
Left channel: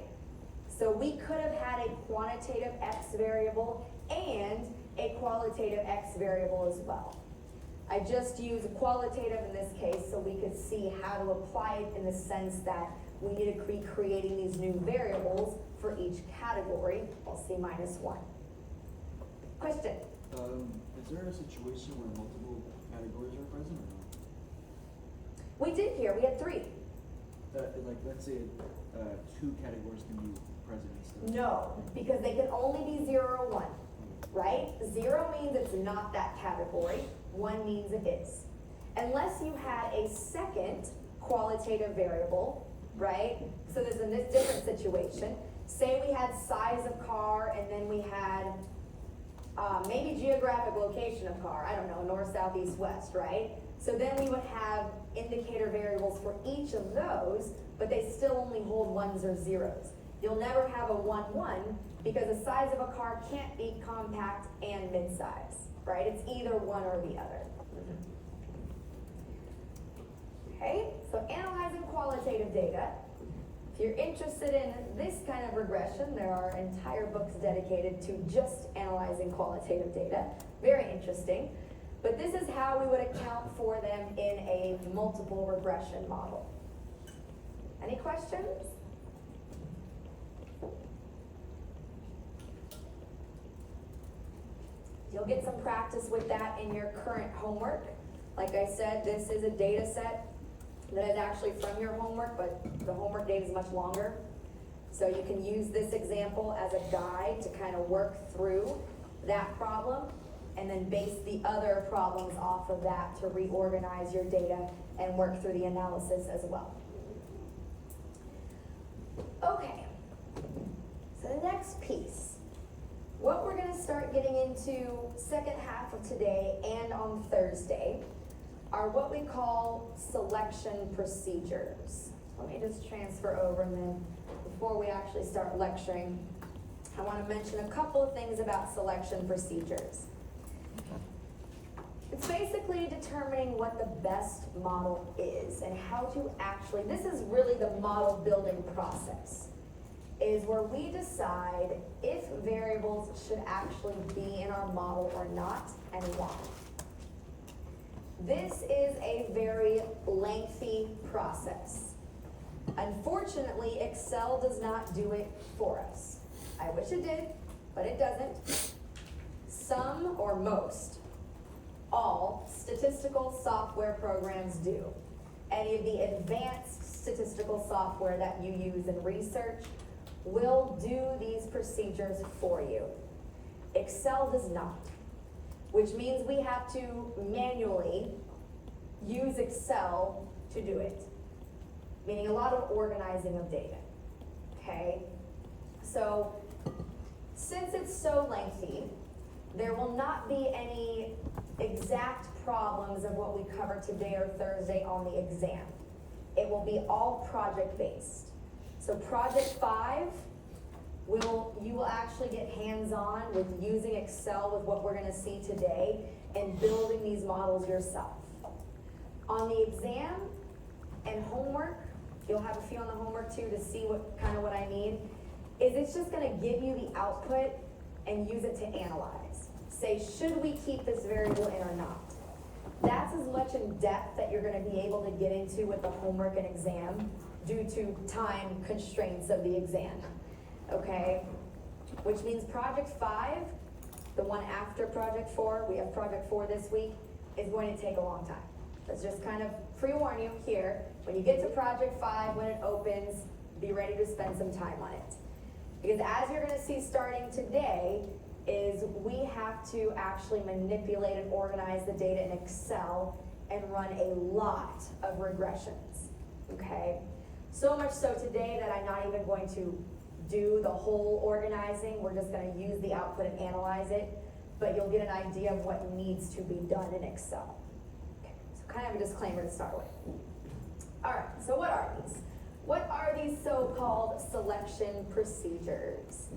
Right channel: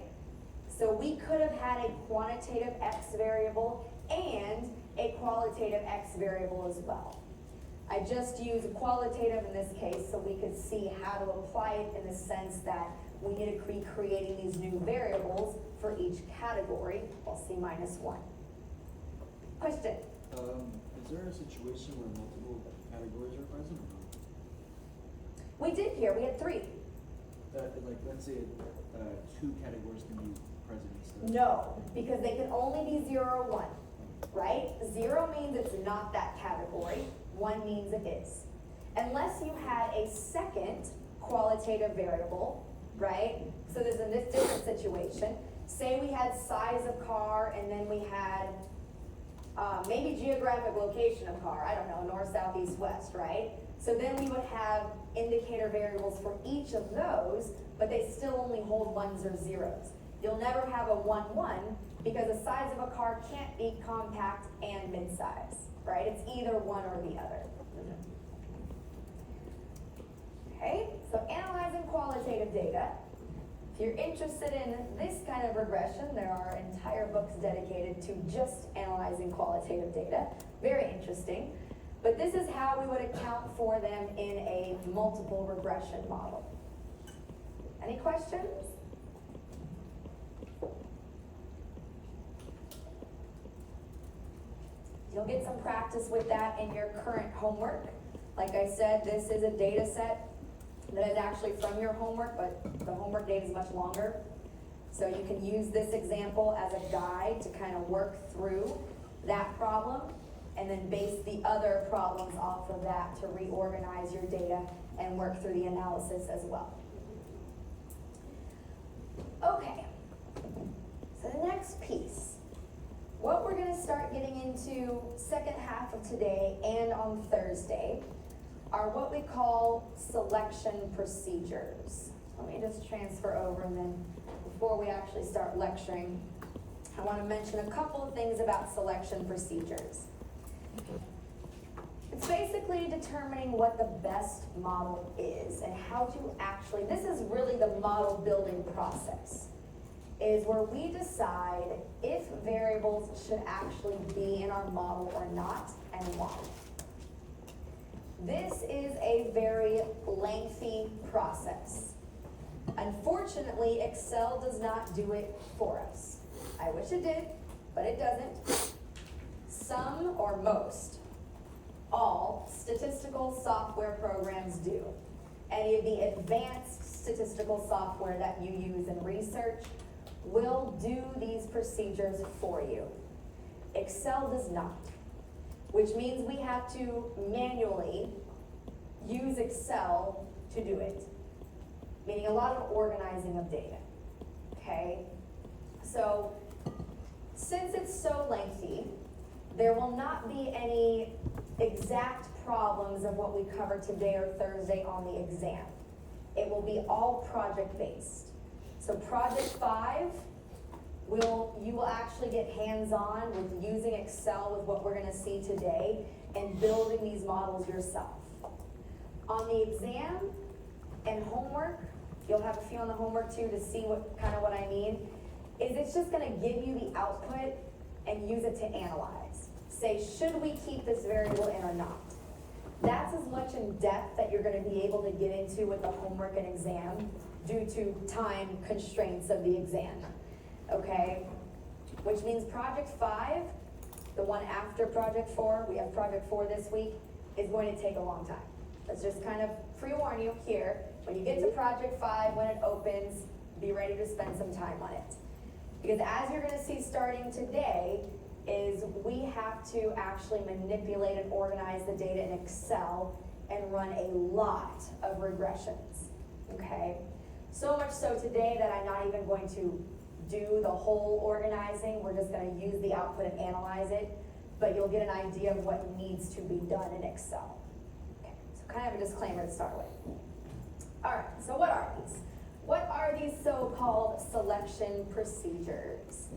So we could have had a quantitative X variable and a qualitative X variable as well. I just use qualitative in this case so we could see how to apply it in the sense that we need to be creating these new variables for each category, well, C-1. Question? Is there a situation where multiple categories are present or not? We did here, we had 3. Like, let's say 2 categories can be present instead. No, because they can only be 0 or 1, right? 0 means it's not that category, 1 means it is. Unless you had a second qualitative variable, right? So there's in this different situation, say we had size of car and then we had maybe geographic location of car, I don't know, north, south, east, west, right? So then we would have indicator variables for each of those, but they still only hold 1s or 0s. You'll never have a 1-1 because the size of a car can't be compact and mid-size, right? It's either one or the other. Okay, so analyzing qualitative data. If you're interested in this kind of regression, there are entire books dedicated to just analyzing qualitative data. Very interesting. But this is how we would account for them in a multiple regression model. Any questions? You'll get some practice with that in your current homework. Like I said, this is a data set that is actually from your homework, but the homework data is much longer. So you can use this example as a guide to kind of work through that problem and then base the other problems off of that to reorganize your data and work through the analysis as well. Okay, so the next piece, what we're going to start getting into second half of today and on Thursday are what we call selection procedures. Let me just transfer over, and then before we actually start lecturing, I want to mention a couple of things about selection procedures. It's basically determining what the best model is and how to actually, this is really the model building process, is where we decide if variables should actually be in our model or not and why. This is a very lengthy process. Unfortunately, Excel does not do it for us. I wish it did, but it doesn't. Some or most, all statistical software programs do. Any of the advanced statistical software that you use in research will do these procedures for you. Excel does not, which means we have to manually use Excel to do it, meaning a lot of organizing of data, okay? So, since it's so lengthy, there will not be any exact problems of what we cover today or Thursday on the exam. It will be all project-based. So project 5 you will actually get hands-on with using Excel with what we're gonna see today and building these models yourself. On the exam and homework, you'll have a few on the homework too to see what I mean, is it's just gonna give you the output and use it to analyze. Say, should we keep this variable in or not? That's as much in depth that you're gonna be able to get into with the homework and exam due to time constraints of the exam, okay? Which means project 5, the one after project 4, we have project 4 this week, is going to take a long time. Let's just kind of pre-warn you here, when you get to project 5, when it opens, be ready to spend some time on it. Because as you're gonna see starting today, is we have to actually manipulate and organize the data in Excel and run a lot of regressions, okay? So much so today that I'm not even going to do the whole organizing, we're just gonna use the output and analyze it, but you'll get an idea of what needs to be done in Excel. Okay, so kind of a disclaimer to start with. All right, so what are these? What are these so-called selection procedures?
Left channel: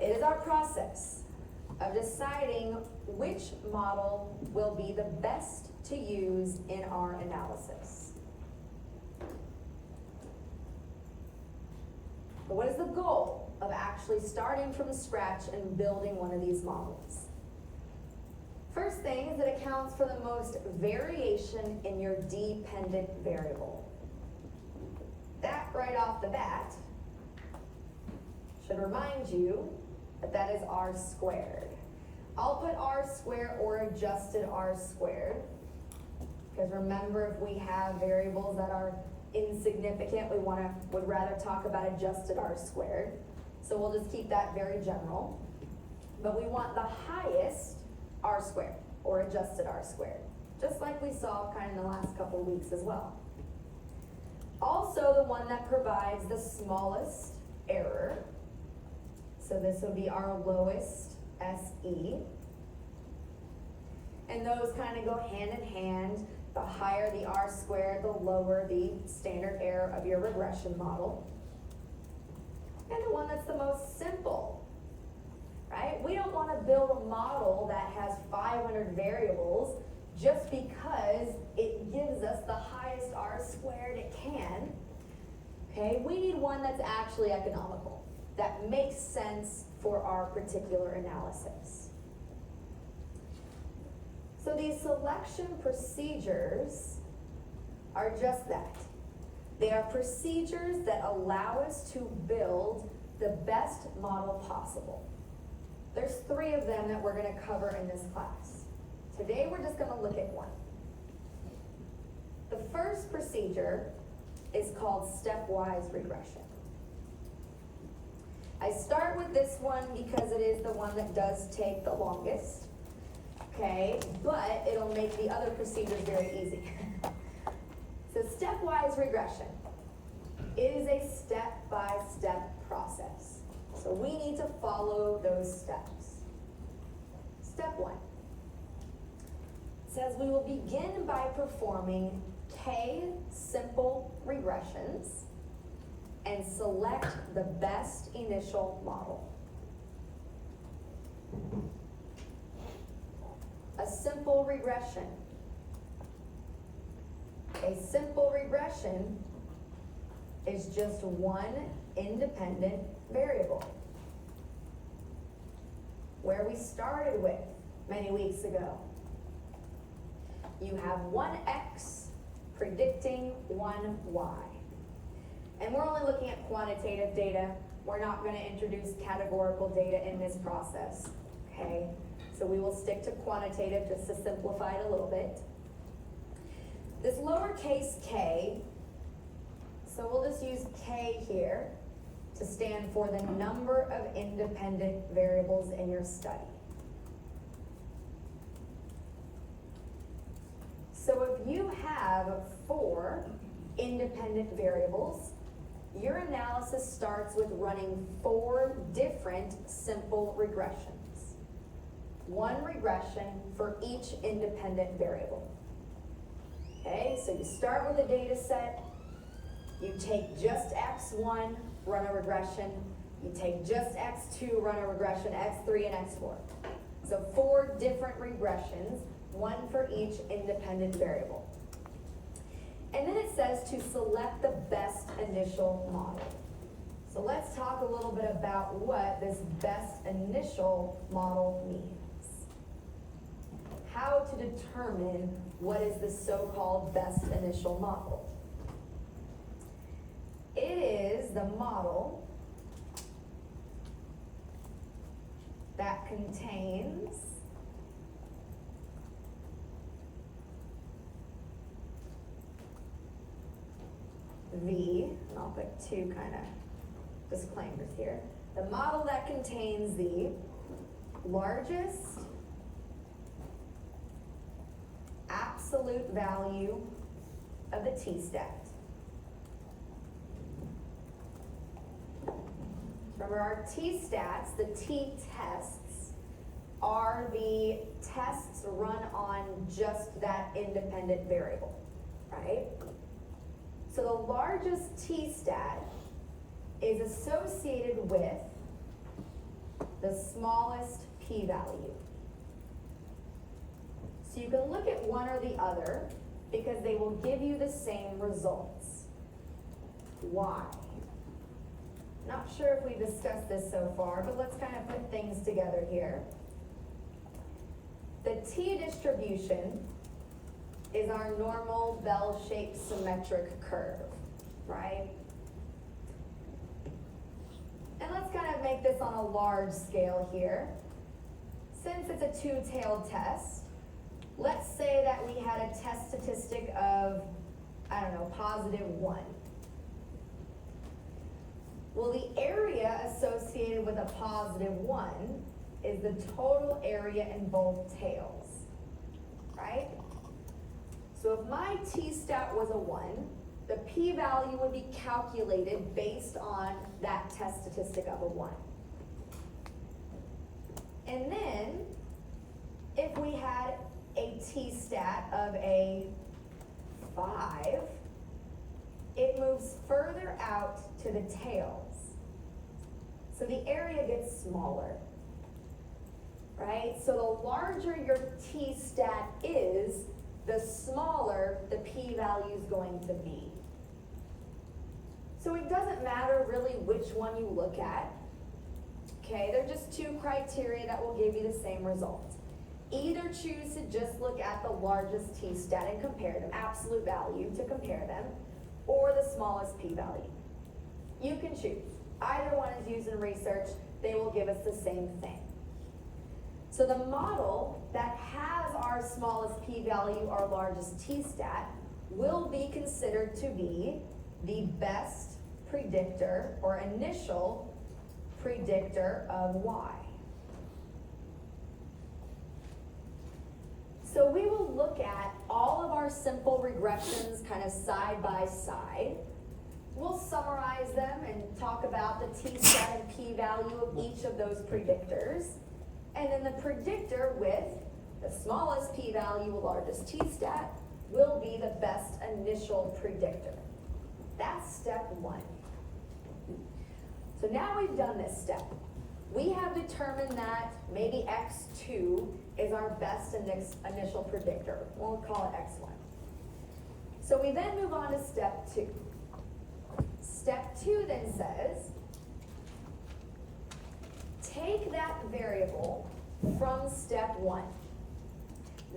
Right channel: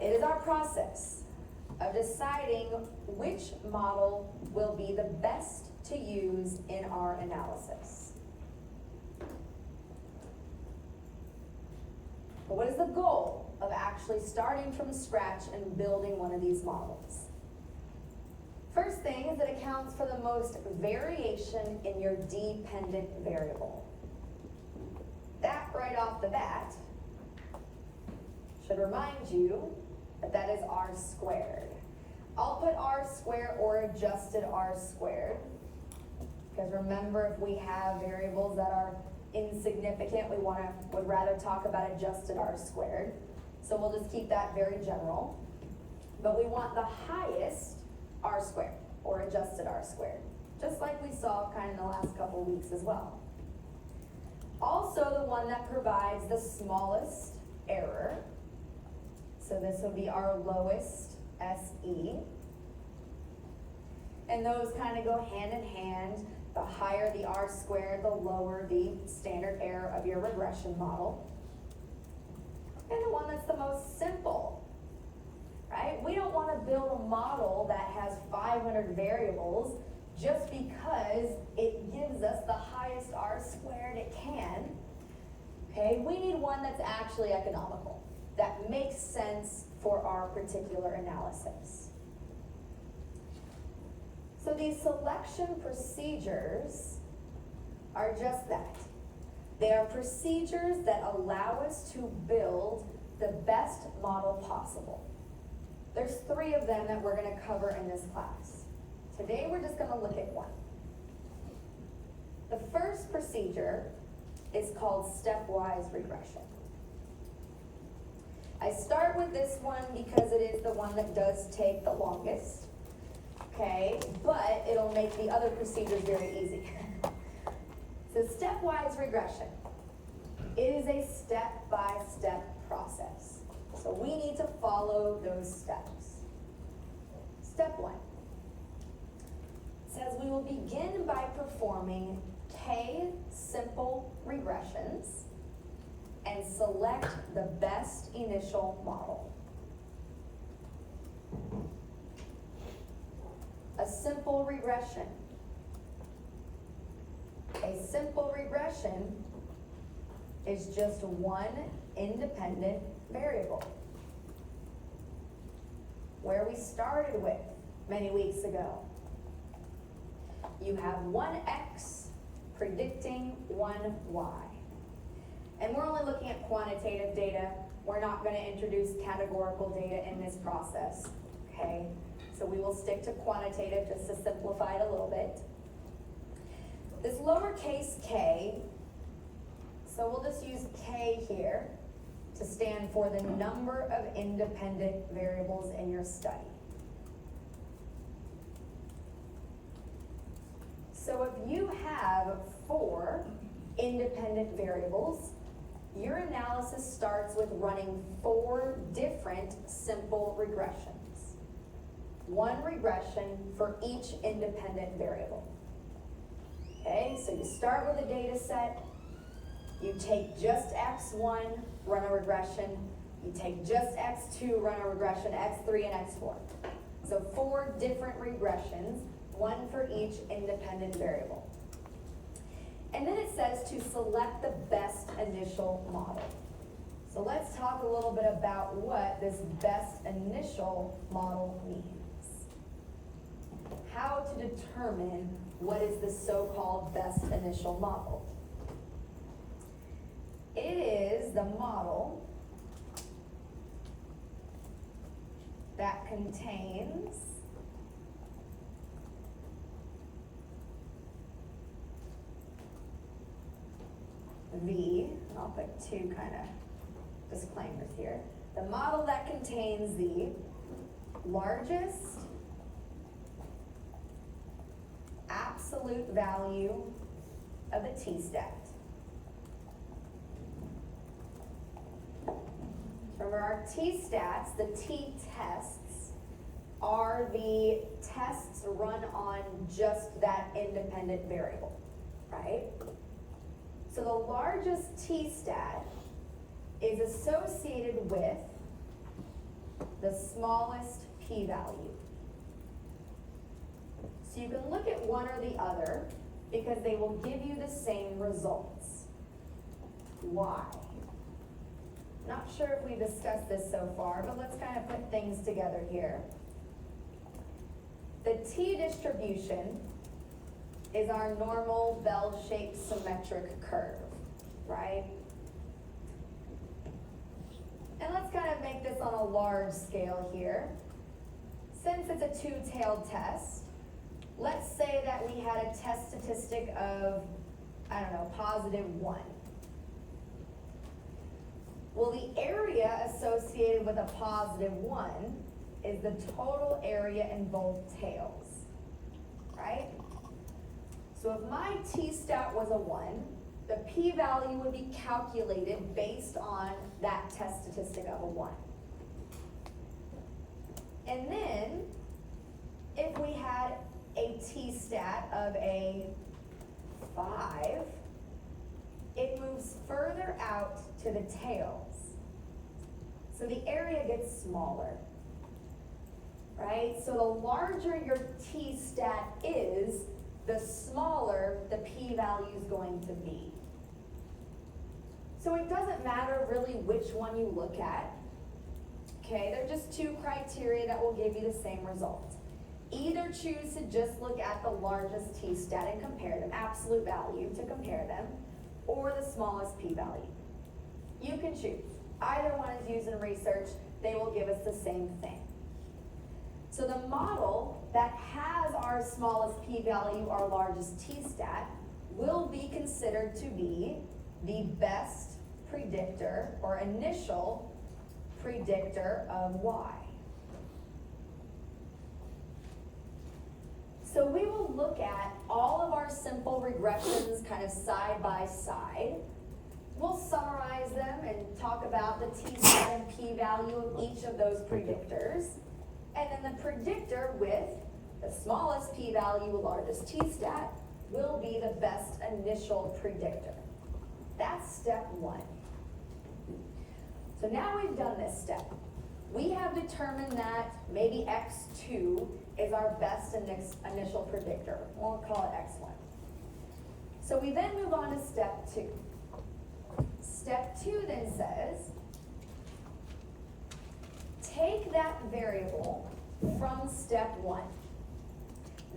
It is our process of deciding which model will be the best to use in our analysis. But what is the goal of actually starting from scratch and building one of these models? First thing is it accounts for the most variation in your dependent variable. That right off the bat should remind you that that is r squared. I'll put r squared or adjusted r squared, because remember, if we have variables that are insignificant, we would rather talk about adjusted r squared. So we'll just keep that very general. But we want the highest r squared or adjusted r squared, just like we saw kind of in the last couple of weeks as well. Also the one that provides the smallest error. So this would be our lowest SE. And those kind of go hand in hand. The higher the r squared, the lower the standard error of your regression model. And the one that's the most simple, right? We don't want to build a model that has 500 variables just because it gives us the highest r squared it can. Okay, we need one that's actually economical, that makes sense for our particular analysis. So these selection procedures are just that. They are procedures that allow us to build the best model possible. There's 3 of them that we're going to cover in this class. Today we're just going to look at one. The first procedure is called stepwise regression. I start with this one because it is the one that does take the longest, okay, but it'll make the other procedures very easy. So stepwise regression, it is a step-by-step process. So we need to follow those steps. Step 1 says we will begin by performing k simple regressions and select the best initial model. A simple regression. A simple regression is just one independent variable. Where we started with many weeks ago. You have one x predicting one y. And we're only looking at quantitative data. We're not going to introduce categorical data in this process, okay? So we will stick to quantitative just to simplify it a little bit. This lowercase k, so we'll just use k here to stand for the number of independent variables in your study. So if you have 4 independent variables, your analysis starts with running 4 different simple regressions. One regression for each independent variable. Okay, so you start with a data set, you take just x1, run a regression, You take just x2, run a regression, x3 and x4. So 4 different regressions, one for each independent variable. And then it says to select the best initial model. So let's talk a little bit about what this best initial model means. How to determine what is the so-called best initial model. It is the model that contains the, and I'll put 2 kind of disclaimers here, the model that contains the largest absolute value of the t-stat. Remember, our t-stats, the t-tests, are the tests run on just that independent variable, right? So the largest t-stat is associated with the smallest p-value. So you can look at one or the other because they will give you the same results. Why? Not sure if we discussed this so far, but let's kind of put things together here. The t-distribution is our normal bell-shaped symmetric curve, right? And let's kind of make this on a large scale here. Since it's a 2-tailed test, let's say that we had a test statistic of, I don't know, +1. Well, the area associated with a +1 is the total area in both tails, right? So if my t-stat was a 1, the p-value would be calculated based on that test statistic of a 1. And then, if we had a t-stat of a 5, it moves further out to the tails. So the area gets smaller, right? So the larger your t-stat is, the smaller the p-value is going to be. So it doesn't matter really which one you look at. Okay, they're just 2 criteria that will give you the same result. Either choose to just look at the largest t-stat and compare them, absolute value to compare them, or the smallest p-value. You can choose. Either one is used in research, they will give us the same thing. So the model that has our smallest p-value, our largest t-stat, will be considered to be the best predictor or initial predictor of y. So we will look at all of our simple regressions kind of side by side. We'll summarize them and talk about the t-stat and p-value of each of those predictors. And then the predictor with the smallest p-value, largest t-stat, will be the best initial predictor. That's step 1. So now we've done this step. We have determined that maybe x2 is our best initial predictor. We'll call it x1. So we then move on to step 2. Step 2 then says, take that variable from step 1,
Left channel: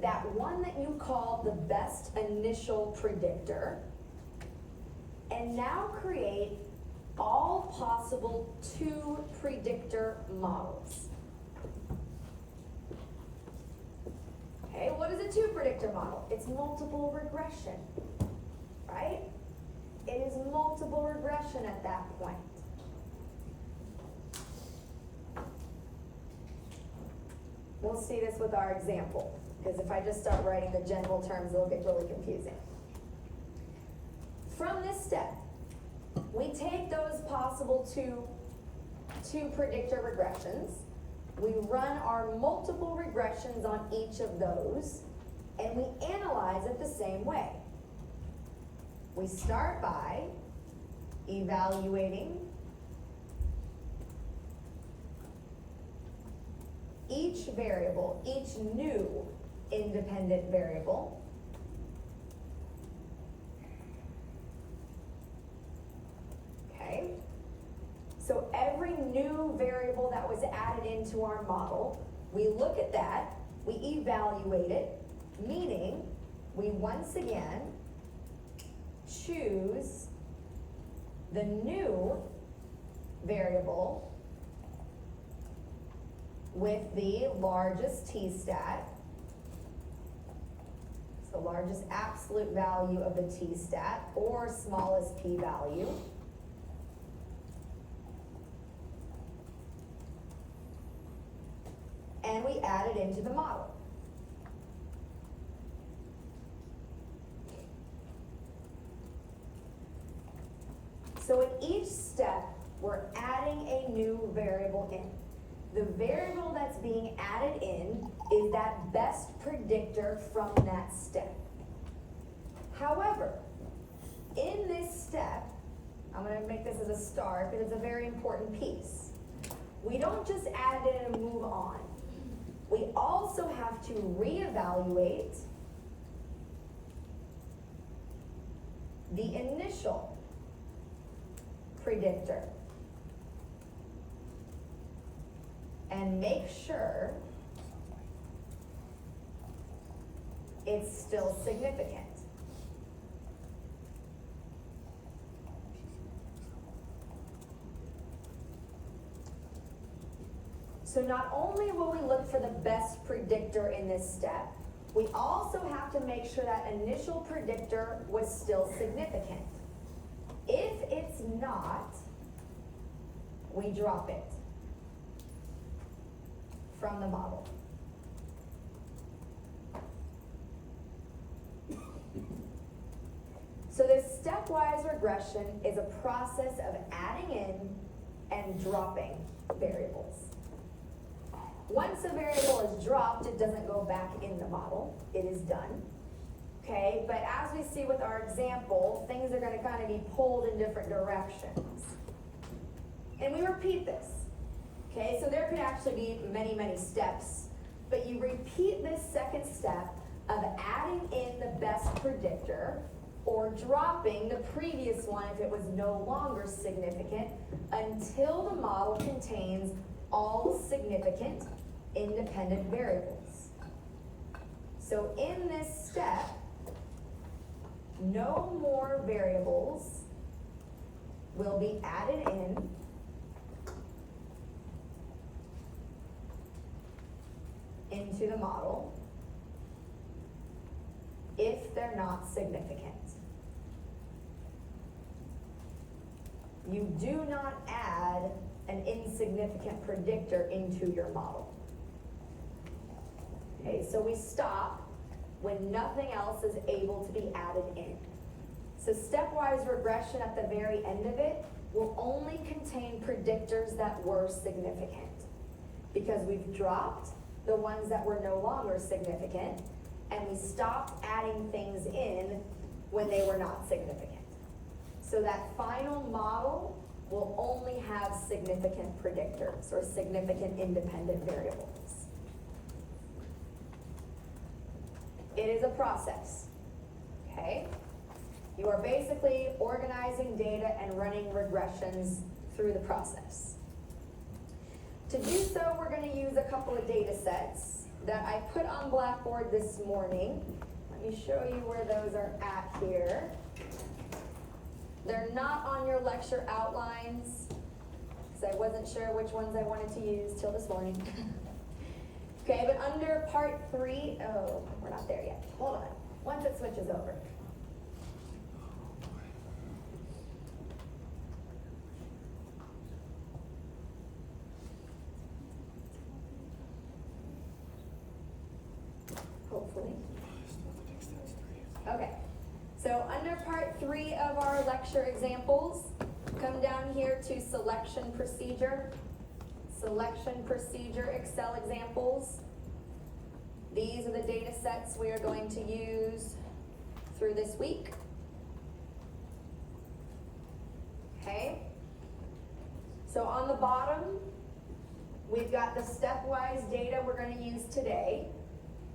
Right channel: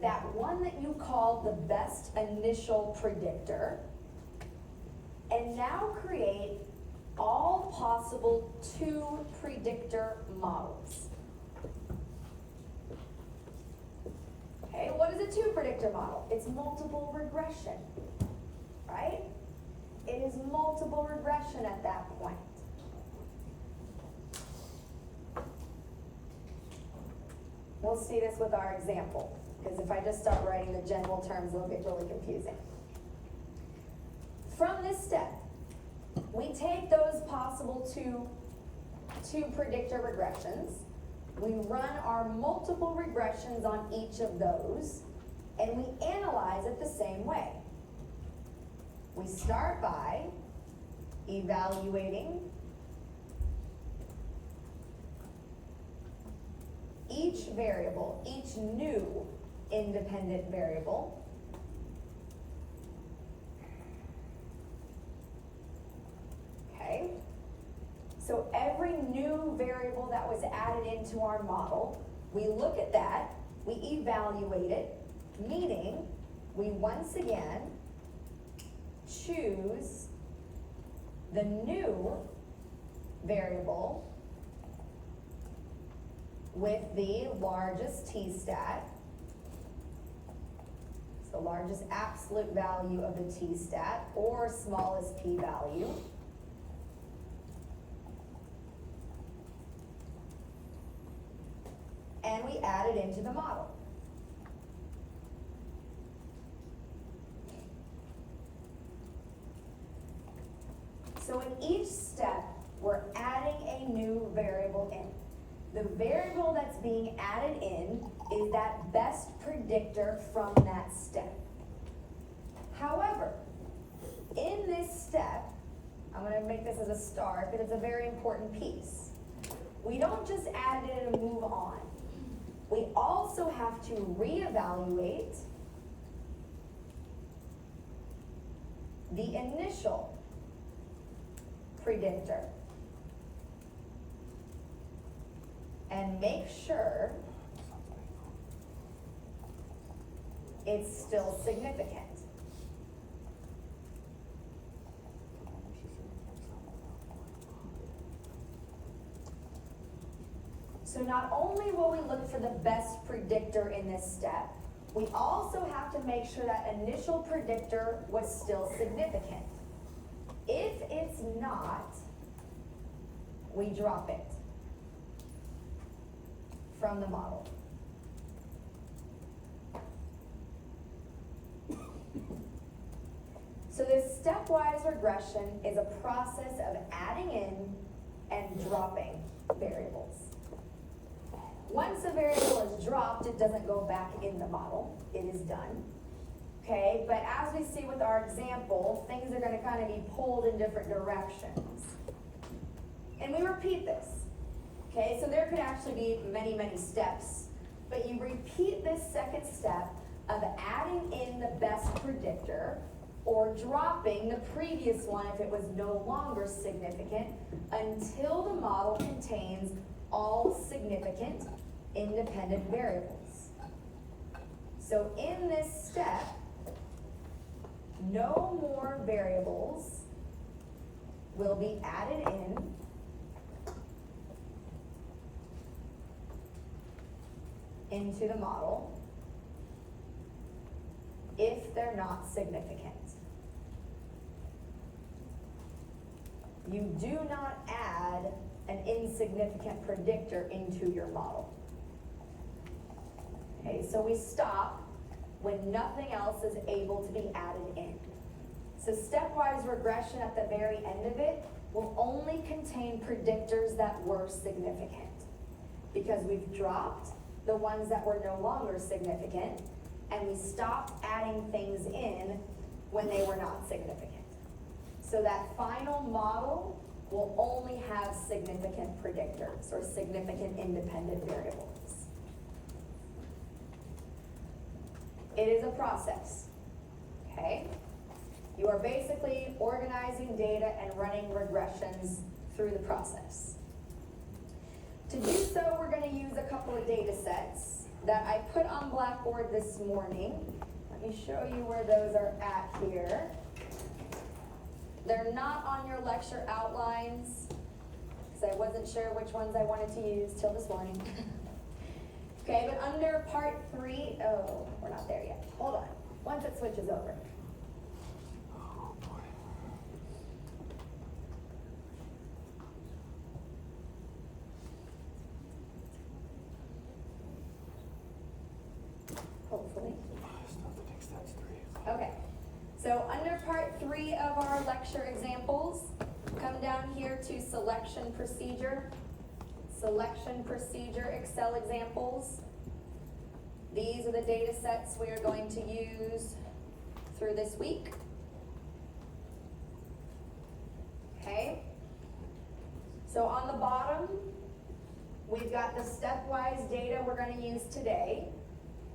that one that you called the best initial predictor, and now create all possible 2 predictor models. Okay, what is a 2 predictor model? It's multiple regression, right? It is multiple regression at that point. We'll see this with our example, because if I just start writing the general terms, it'll get really confusing. From this step, we take those possible two predictor regressions, we run our multiple regressions on each of those, and we analyze it the same way. We start by evaluating each variable, each new independent variable, okay? So every new variable that was added into our model, we look at that, we evaluate it, meaning we once again choose the new variable with the largest t-stat, so largest absolute value of the t-stat, or smallest p-value. And we add it into the model. So in each step, we're adding a new variable in. The variable that's being added in is that best predictor from that step. However, in this step, I'm going to make this as a star because it's a very important piece. We don't just add it in and move on. We also have to reevaluate the initial predictor and make sure it's still significant. So not only will we look for the best predictor in this step, we also have to make sure that initial predictor was still significant. If it's not, we drop it from the model. So this stepwise regression is a process of adding in and dropping variables. Once a variable is dropped, it doesn't go back in the model. It is done. Okay, but as we see with our example, things are going to kind of be pulled in different directions. And we repeat this. Okay, so there could actually be many, many steps, but you repeat this second step of adding in the best predictor or dropping the previous one if it was no longer significant until the model contains all significant independent variables. So in this step, no more variables will be added in into the model if they're not significant. You do not add an insignificant predictor into your model. Okay, so we stop when nothing else is able to be added in. So stepwise regression at the very end of it will only contain predictors that were significant, because we've dropped the ones that were no longer significant, and we stopped adding things in when they were not significant. So that final model will only have significant predictors or significant independent variables. It is a process, okay? You are basically organizing data and running regressions through the process. To do so, we're going to use a couple of data sets that I put on Blackboard this morning. Let me show you where those are at here. They're not on your lecture outlines, because I wasn't sure which ones I wanted to use till this morning. Okay, but under part 3, oh, we're not there yet. Hold on, once it switches over. Hopefully. Okay, so under part 3 of our lecture examples, come down here to selection procedure. Selection procedure Excel examples. These are the data sets we are going to use through this week. Okay. So on the bottom, we've got the stepwise data we're gonna use today,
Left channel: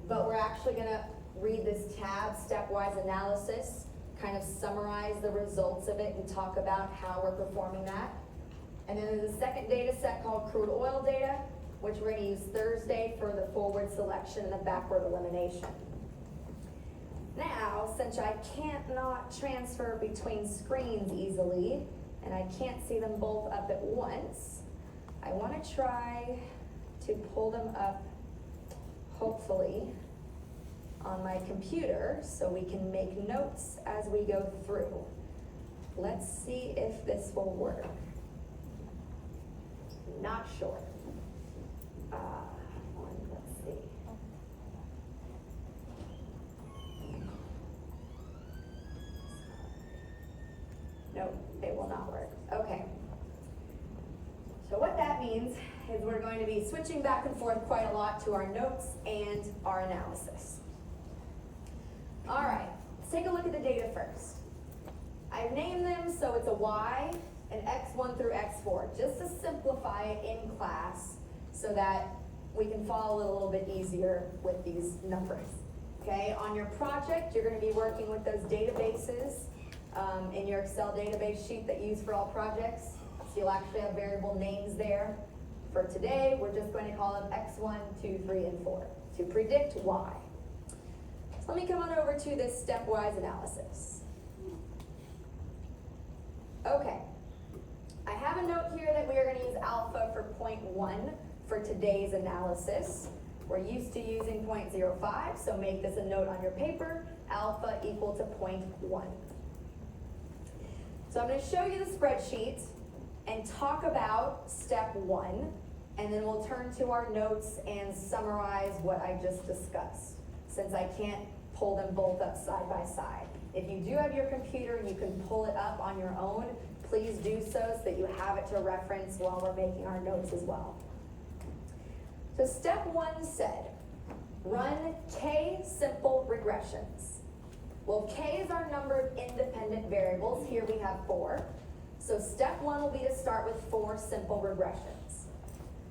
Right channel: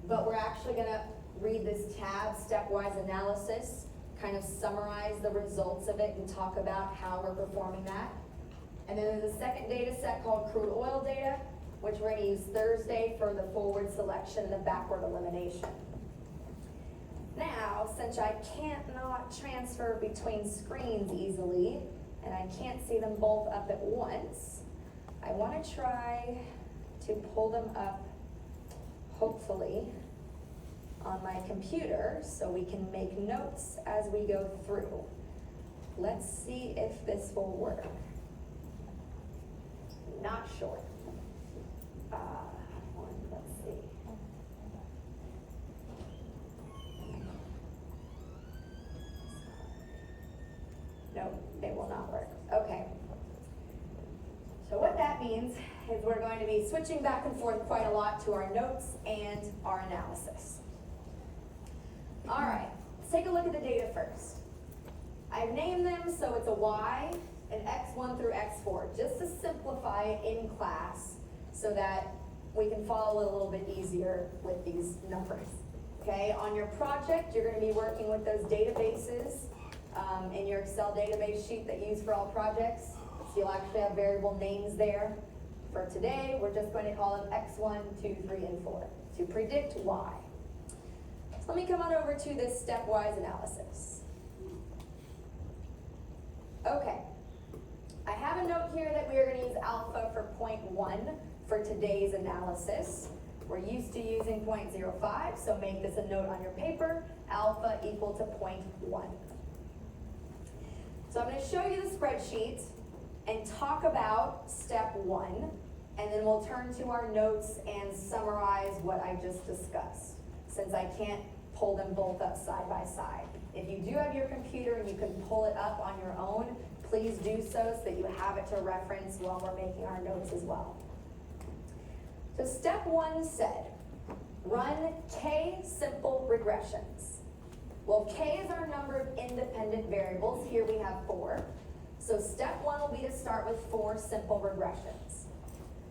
but we're actually gonna read this tab, stepwise analysis, kind of summarize the results of it and talk about how we're performing that. And then there's a second data set called crude oil data, which we're gonna use Thursday for the forward selection and the backward elimination. Now, since I can't not transfer between screens easily, and I can't see them both up at once, I wanna try to pull them up, hopefully, on my computer so we can make notes as we go through. Let's see if this will work. Not sure. Let's see. No, it will not work. Okay. So what that means is we're going to be switching back and forth quite a lot to our notes and our analysis. All right, let's take a look at the data first. I've named them so it's a Y, an X1 through X4, just to simplify it in class so that we can follow it a little bit easier with these numbers. Okay, on your project, you're going to be working with those databases in your Excel database sheet that you use for all projects. So you'll actually have variable names there. For today, we're just going to call them X1, 2, 3, and 4 to predict Y. So let me come on over to this stepwise analysis. Okay, I have a note here that we are going to use alpha for 0.1 for today's analysis. We're used to using 0.05, so make this a note on your paper, alpha equal to 0.1. So I'm going to show you the spreadsheet and talk about step 1, and then we'll turn to our notes and summarize what I just discussed, since I can't pull them both up side by side. If you do have your computer and you can pull it up on your own, please do so that you have it to reference while we're making our notes as well. So step 1 said, run K simple regressions. Well, K is our number of independent variables. Here we have 4. So step 1 will be to start with 4 simple regressions.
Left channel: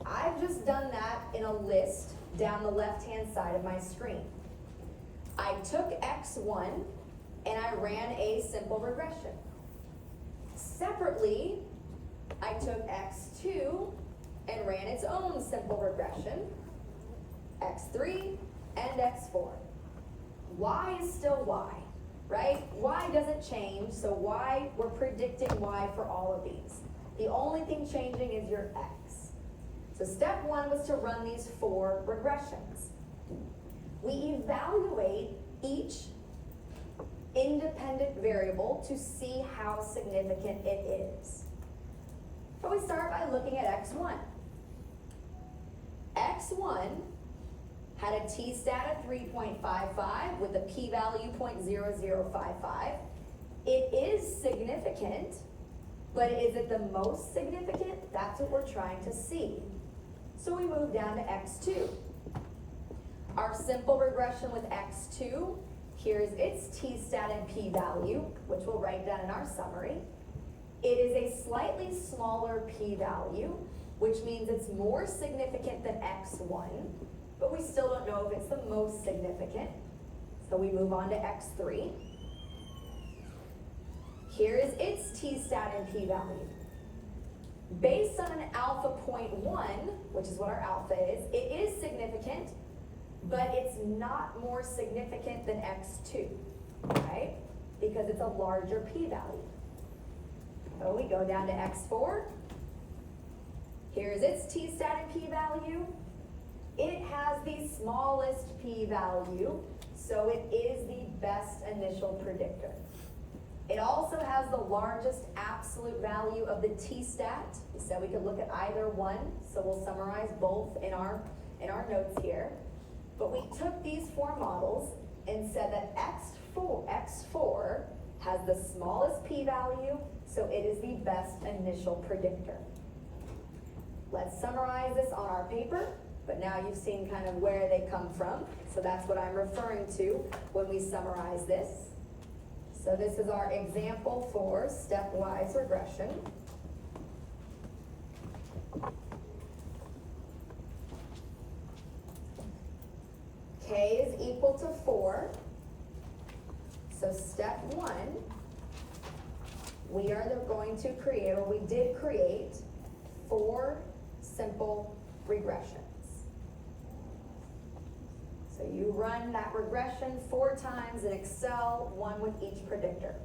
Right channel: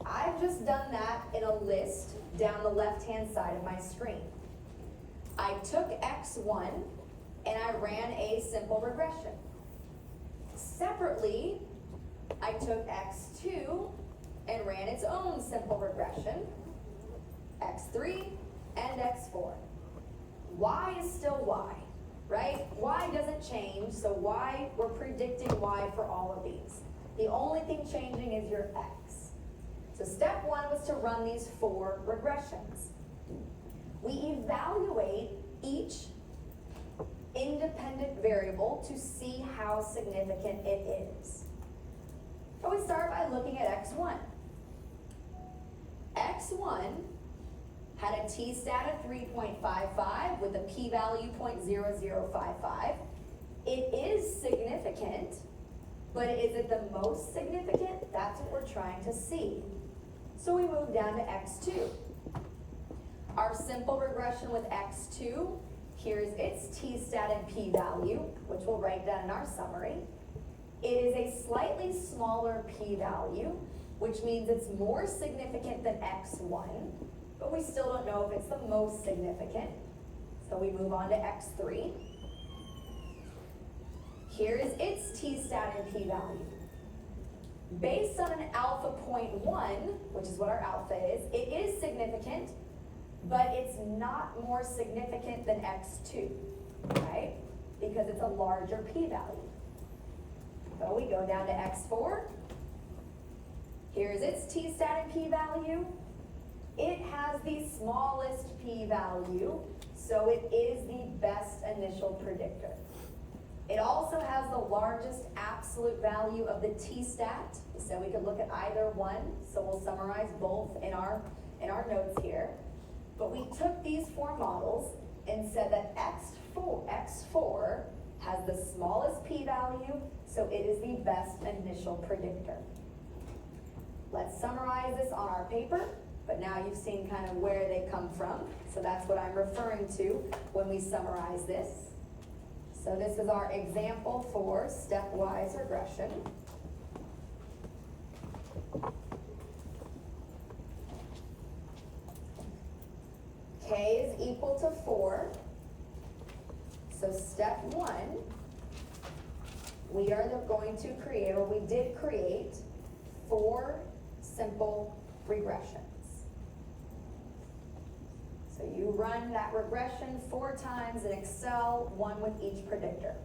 I've just done that in a list down the left-hand side of my screen. I took X1 and I ran a simple regression. Separately, I took X2 and ran its own simple regression, X3 and X4. Y is still Y, right? Y doesn't change, so Y, we're predicting Y for all of these. The only thing changing is your X. So step 1 was to run these 4 regressions. We evaluate each independent variable to see how significant it is. So we start by looking at X1. X1 had a t-stat of 3.55 with a p-value 0.0055. It is significant, but is it the most significant? That's what we're trying to see. So we move down to X2. Our simple regression with X2, here's its t-stat and p-value, which we'll write down in our summary. It is a slightly smaller p-value, which means it's more significant than X1, but we still don't know if it's the most significant. So we move on to X3. Here is its t-stat and p-value. Based on an alpha 0.1, which is what our alpha is, it is significant, but it's not more significant than X2, right? Because it's a larger p-value. So we go down to X4. Here's its t-stat and p-value. It has the smallest p-value, so it is the best initial predictor. It also has the largest absolute value of the t-stat, so we could look at either one, so we'll summarize both in our notes here. But we took these 4 models and said that X4 has the smallest p-value, so it is the best initial predictor. Let's summarize this on our paper, but now you've seen kind of where they come from, so that's what I'm referring to when we summarize this. So this is our example for stepwise regression. So step one, we are going to create, or we did create, 4 simple regressions. So you run that regression 4 times in Excel, 1 with each predictor.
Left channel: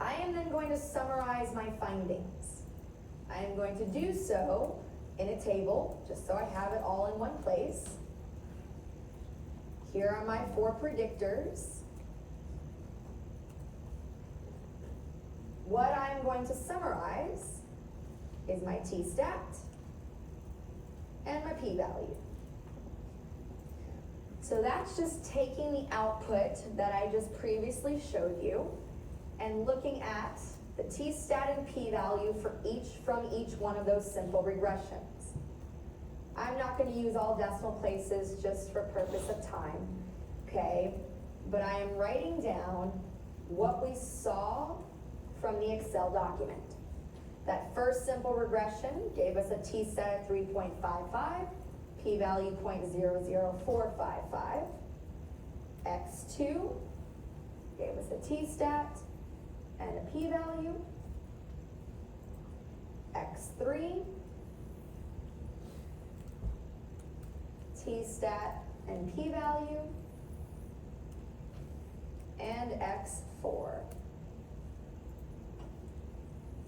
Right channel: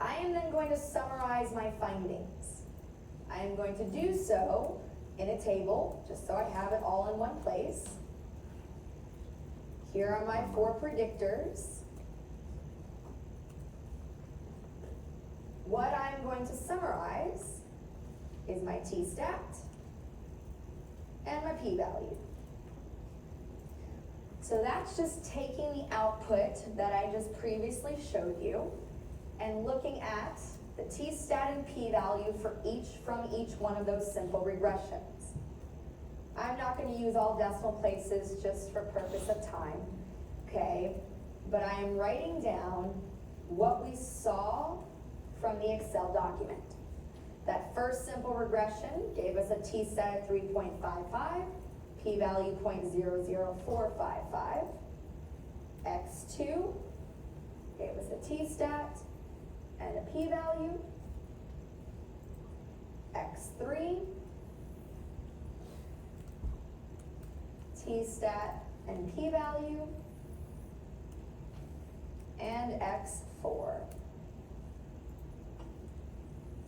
I am then going to summarize my findings. I am going to do so in a table, just so I have it all in one place. Here are my 4 predictors. What I'm going to summarize is my t-stat and my p-value. So that's just taking the output that I just previously showed you and looking at the t-stat and p-value from each one of those simple regressions. I'm not going to use all decimal places just for purpose of time, okay? But I am writing down what we saw from the Excel document. That first simple regression gave us a t-stat of 3.55, p-value 0.00455. X2 gave us a t-stat and a p-value. X3, t-stat and p-value. And X4,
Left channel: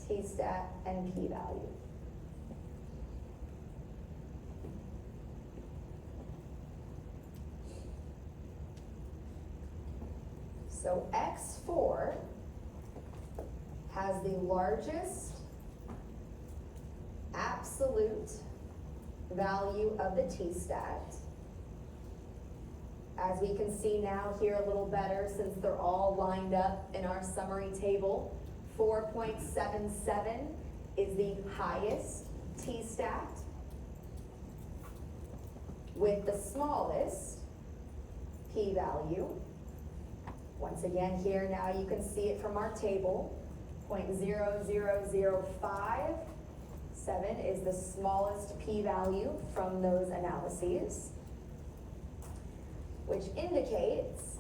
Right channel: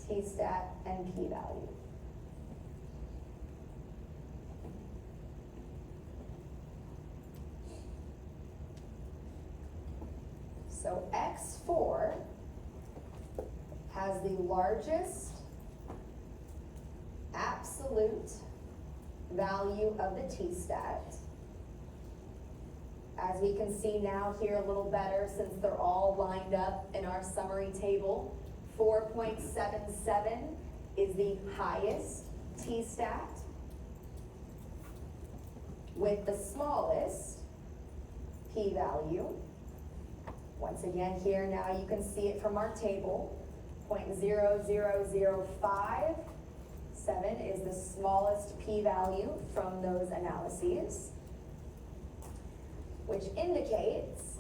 t-stat and p-value. So X4 has the largest absolute value of the t-stat. As we can see now here a little better since they're all lined up in our summary table, 4.77 is the highest t-stat with the smallest p-value. Once again here now you can see it from our table, 0.00057 is the smallest p-value from those analyses, which indicates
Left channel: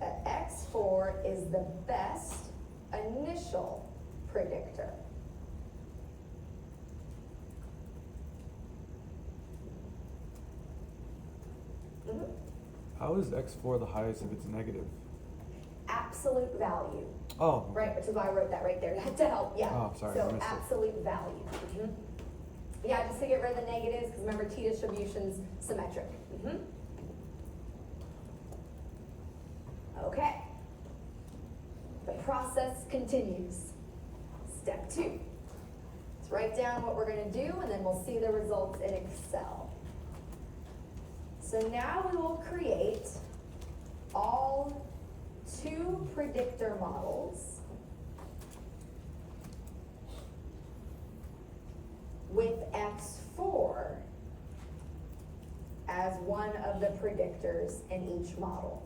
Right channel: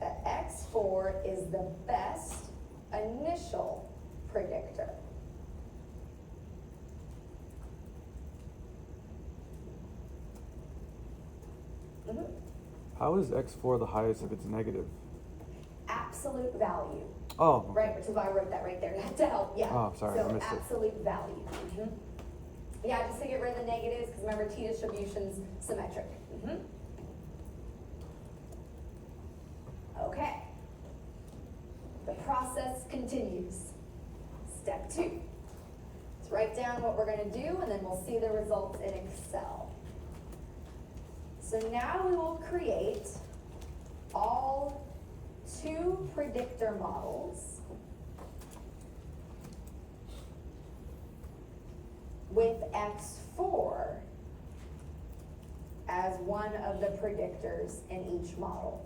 that X4 is the best initial predictor. How is X4 the highest if it's negative? Absolute value. Oh. Right, which is why I wrote that right there to help, yeah. Oh, sorry, I So missed it. absolute value. Yeah, just to get rid of the negatives, because remember t distribution's symmetric. Okay. The process continues. Step 2. Let's write down what we're going to do, and then we'll see the results in Excel. So now we will create all 2 predictor models with X4 as one of the predictors in each model.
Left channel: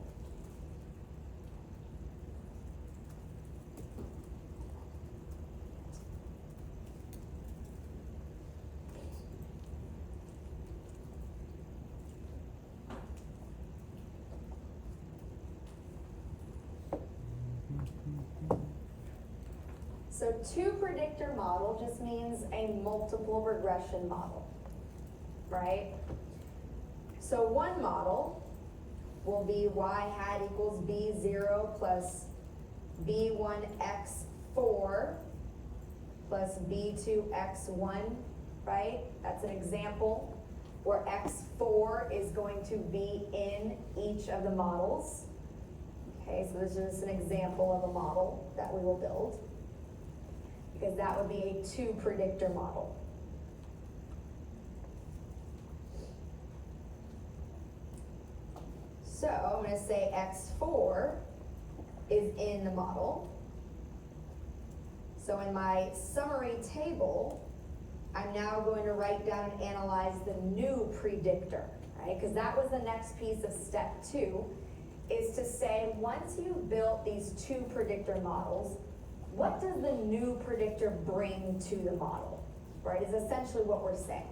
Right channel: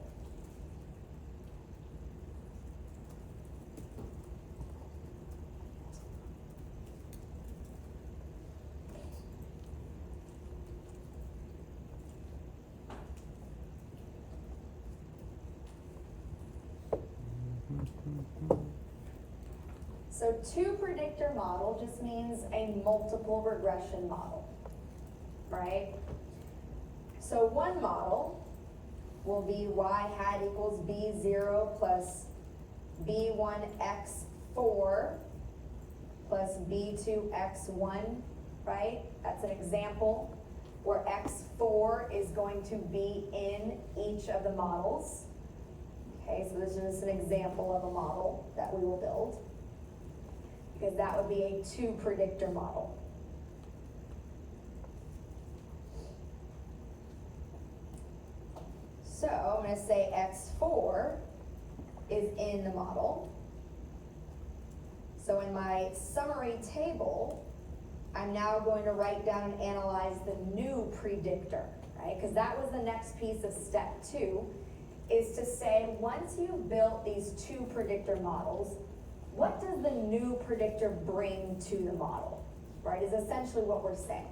So 2 predictor model just means a multiple regression model, right? So one model will be y hat equals b0 plus b1x4 plus b2x1, right? That's an example where x4 is going to be in each of the models. Okay, so this is just an example of a model that we will build, because that would be a 2 predictor model. So I'm going to say X4 is in the model. So in my summary table, I'm now going to write down and analyze the new predictor, right? Because that was the next piece of step 2, is to say, once you've built these 2 predictor models, what does the new predictor bring to the model, right, is essentially what we're saying.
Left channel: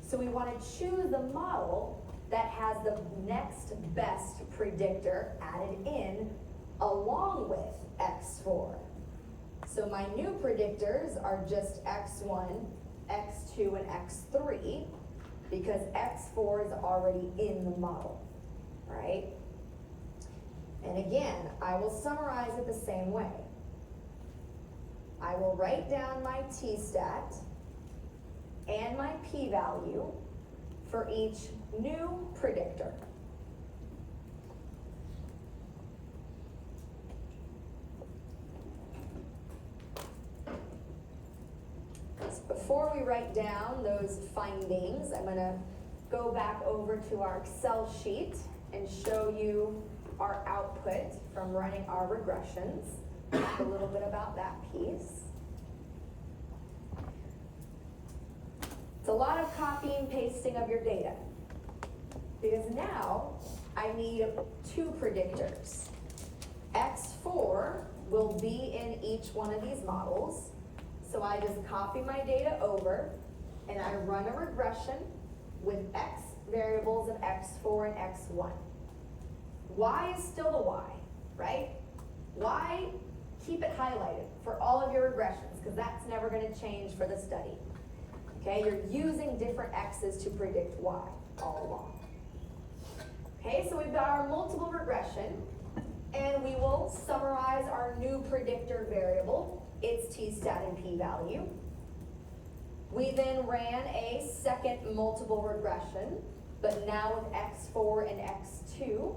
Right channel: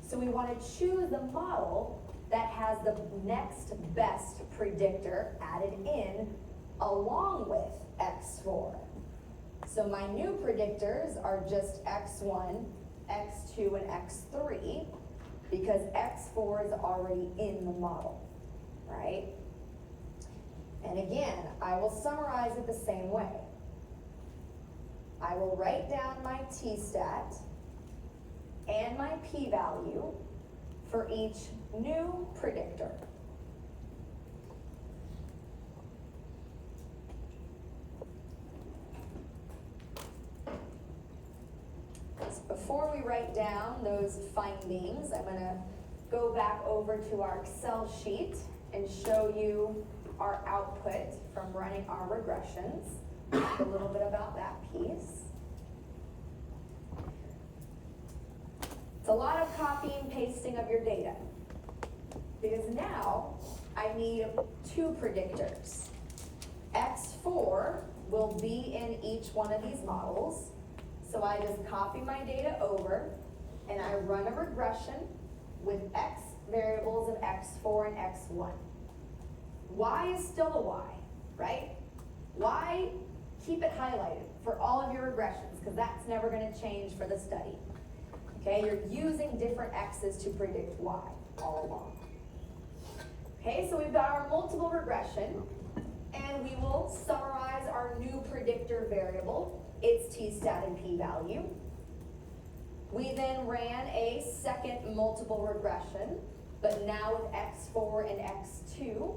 So we want to choose the model that has the next best predictor added in along with x4. So my new predictors are just x1, x2, and x3 because x4 is already in the model, right? And again, I will summarize it the same way. I will write down my t-stat and my p-value for each new predictor. Before we write down those findings, I'm going to go back over to our Excel sheet and show you our output from running our regressions. A little bit about that piece. It's a lot of copy and pasting of your data because now I need two predictors. X4 will be in each one of these models. So I just copy my data over and I run a regression with X variables of X4 and X1. Y is still the Y, right? Y, keep it highlighted for all of your regressions because that's never going to change for the study. Okay, you're using different X's to predict Y all along. Okay, so we've got our multiple regression and we will summarize our new predictor variable, its t-stat and p-value. We then ran a second multiple regression, but now with x4 and x2.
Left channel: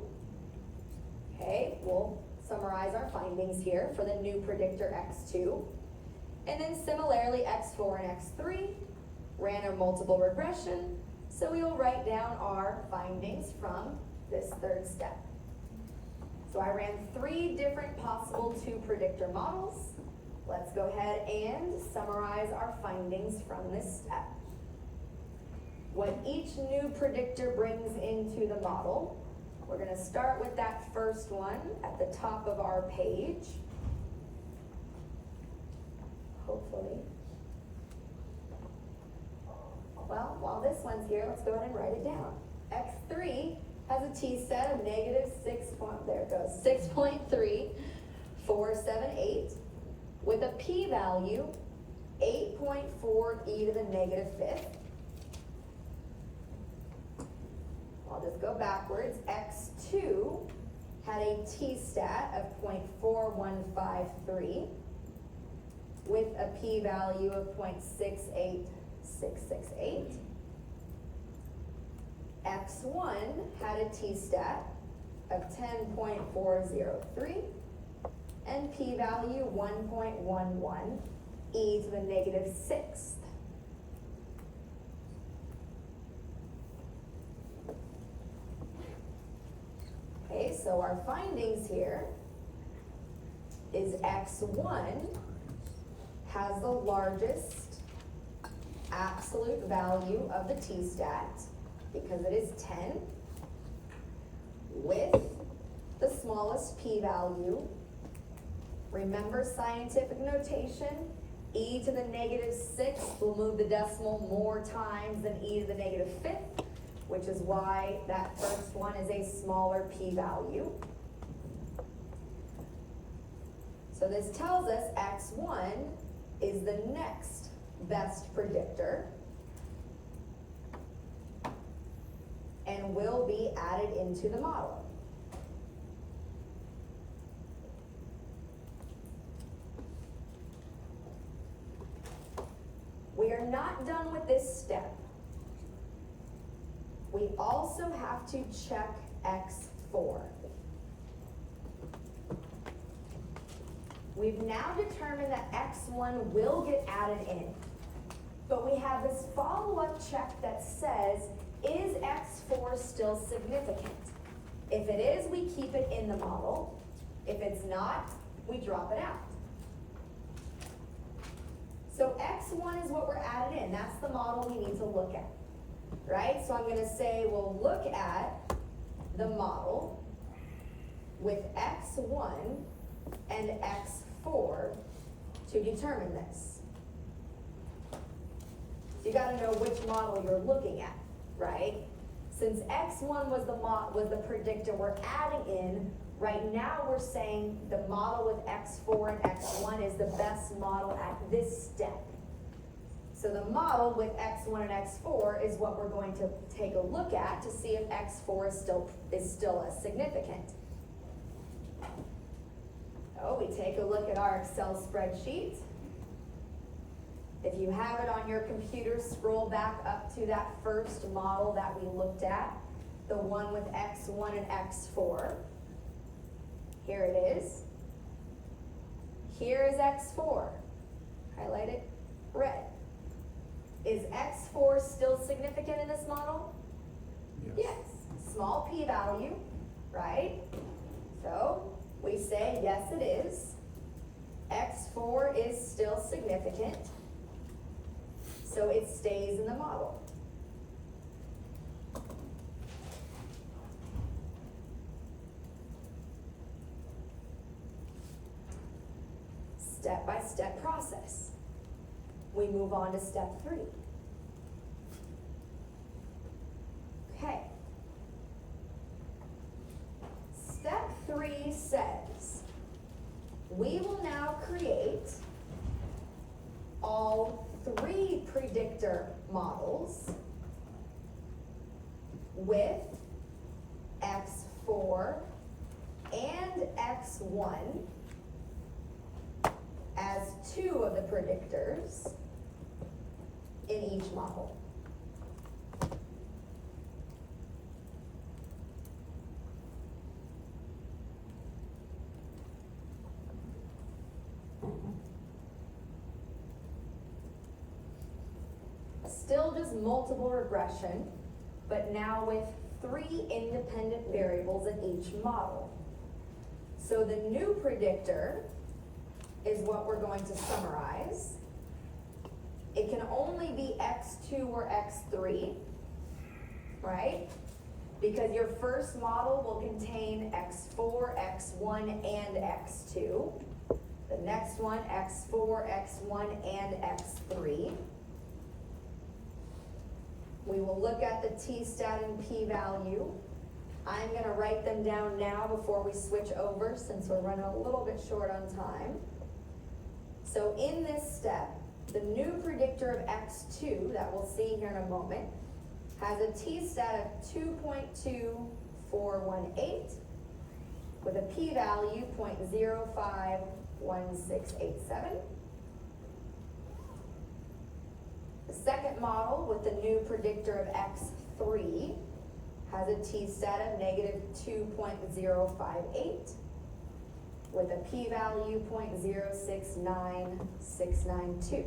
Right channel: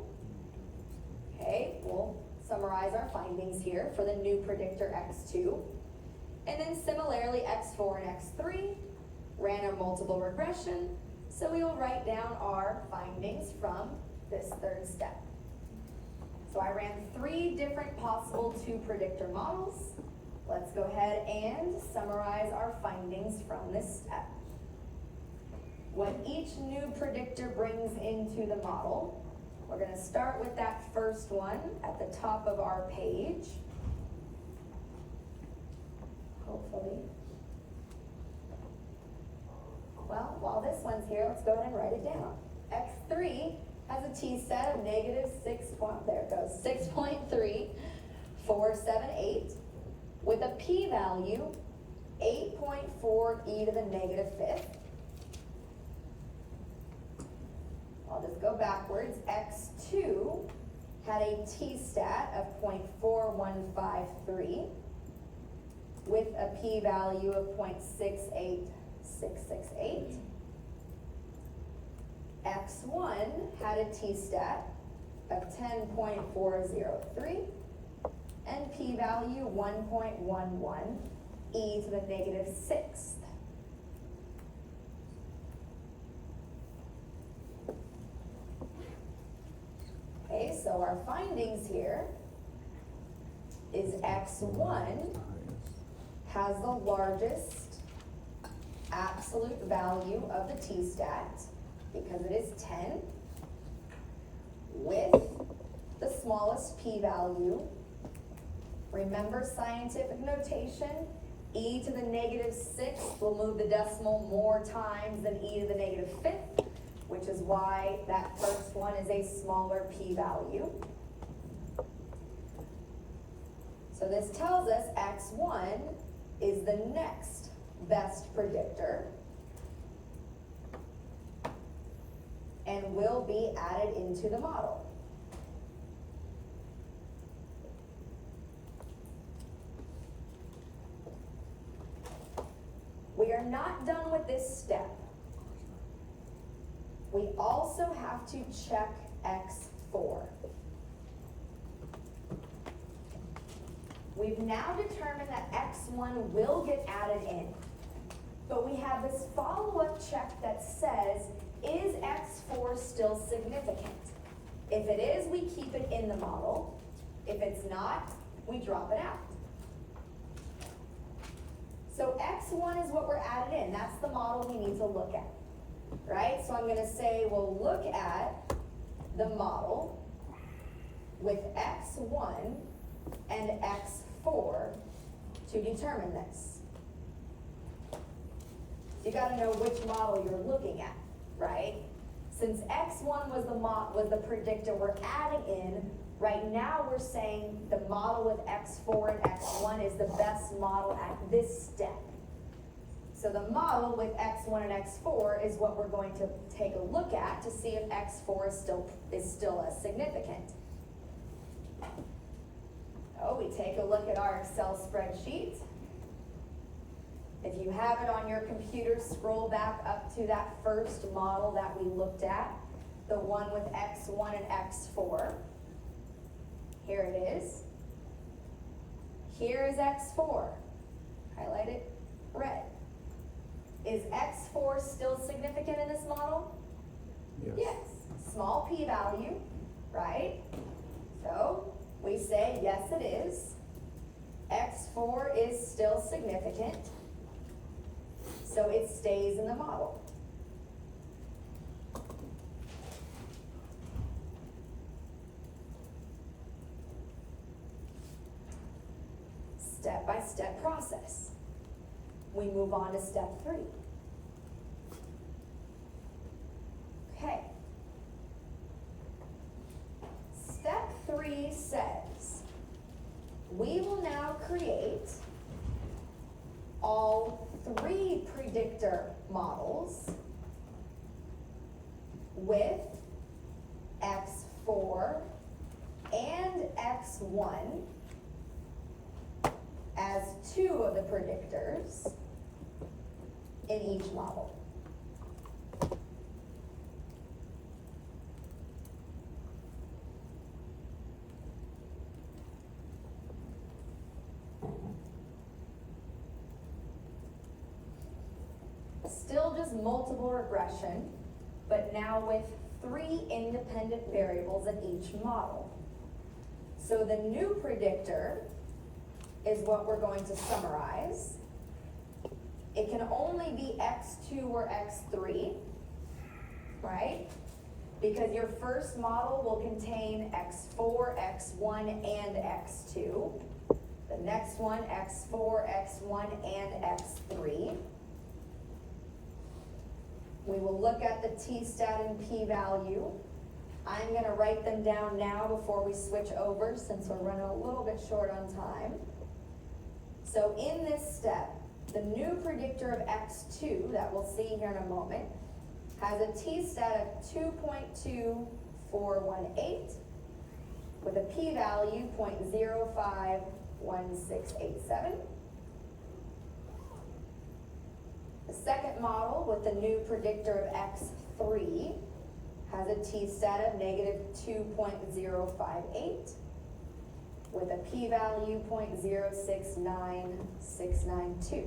Okay, we'll summarize our findings here for the new predictor x2. And then similarly, x4 and x3 ran a multiple regression, so we will write down our findings from this third step. So I ran 3 different possible 2 predictor models. Let's go ahead and summarize our findings from this step. What each new predictor brings into the model, we're going to start with that first one at the top of our page. Hopefully. Well, while this one's here, let's go ahead and write it down. X3 has a t-stat of negative 6.3478 with a p-value 8.4 e to the negative 5th. I'll just go backwards. X2 had a t-stat of 0.4153 with a p-value of 0.68668. X1 had a t-stat of 10.403 and p-value 1.11 e to the negative 6th. Okay, so our findings here is X1 has the largest absolute value of the t-stat because it is 10 with the smallest p-value. Remember scientific notation, e to the negative 6th will move the decimal more times than e to the negative 5th, which is why that first one is a smaller p-value. So this tells us X1 is the next best predictor and will be added into the model. We are not done with this step. We also have to check X4. We've now determined that X1 will get added in, but we have this follow-up check that says, is X4 still significant? If it is, we keep it in the model. If it's not, we drop it out. So X1 is what we're added in. That's the model we need to look at, right? So I'm going to say we'll look at the model with X1 and X4 to determine this. So you got to know which model you're looking at, right? Since x1 was the predictor we're adding in, right now we're saying the model with x4 and x1 is the best model at this step. So the model with x1 and x4 is what we're going to take a look at to see if x4 is still as significant. So we take a look at our Excel spreadsheet. If you have it on your computer, scroll back up to that first model that we looked at, the one with x1 and x4. Here it is. Here is x4, highlighted red. Is x4 still significant in this model? Yes. Small p-value, right? So we say yes it is. x4 is still significant. So it stays in the model. Step-by-step process. We move on to step 3. Okay. Step 3 says, we will now create all 3 predictor models with x4 and x1 as 2 of the predictors in each model. Still just multiple regression, but now with 3 independent variables in each model. So the new predictor is what we're going to summarize. It can only be x2 or x3, right? Because your first model will contain x4, x1, and x2. The next one, x4, x1, and x3. We will look at the t-stat and p-value. I'm going to write them down now before we switch over, since we're running a little bit short on time. So in this step, the new predictor of x2 that we'll see here in a moment has a t-stat of 2.2418 with a p-value 0.051687. The second model with the new predictor of x3 has a t-stat of -2.058 with a p-value 0.069692.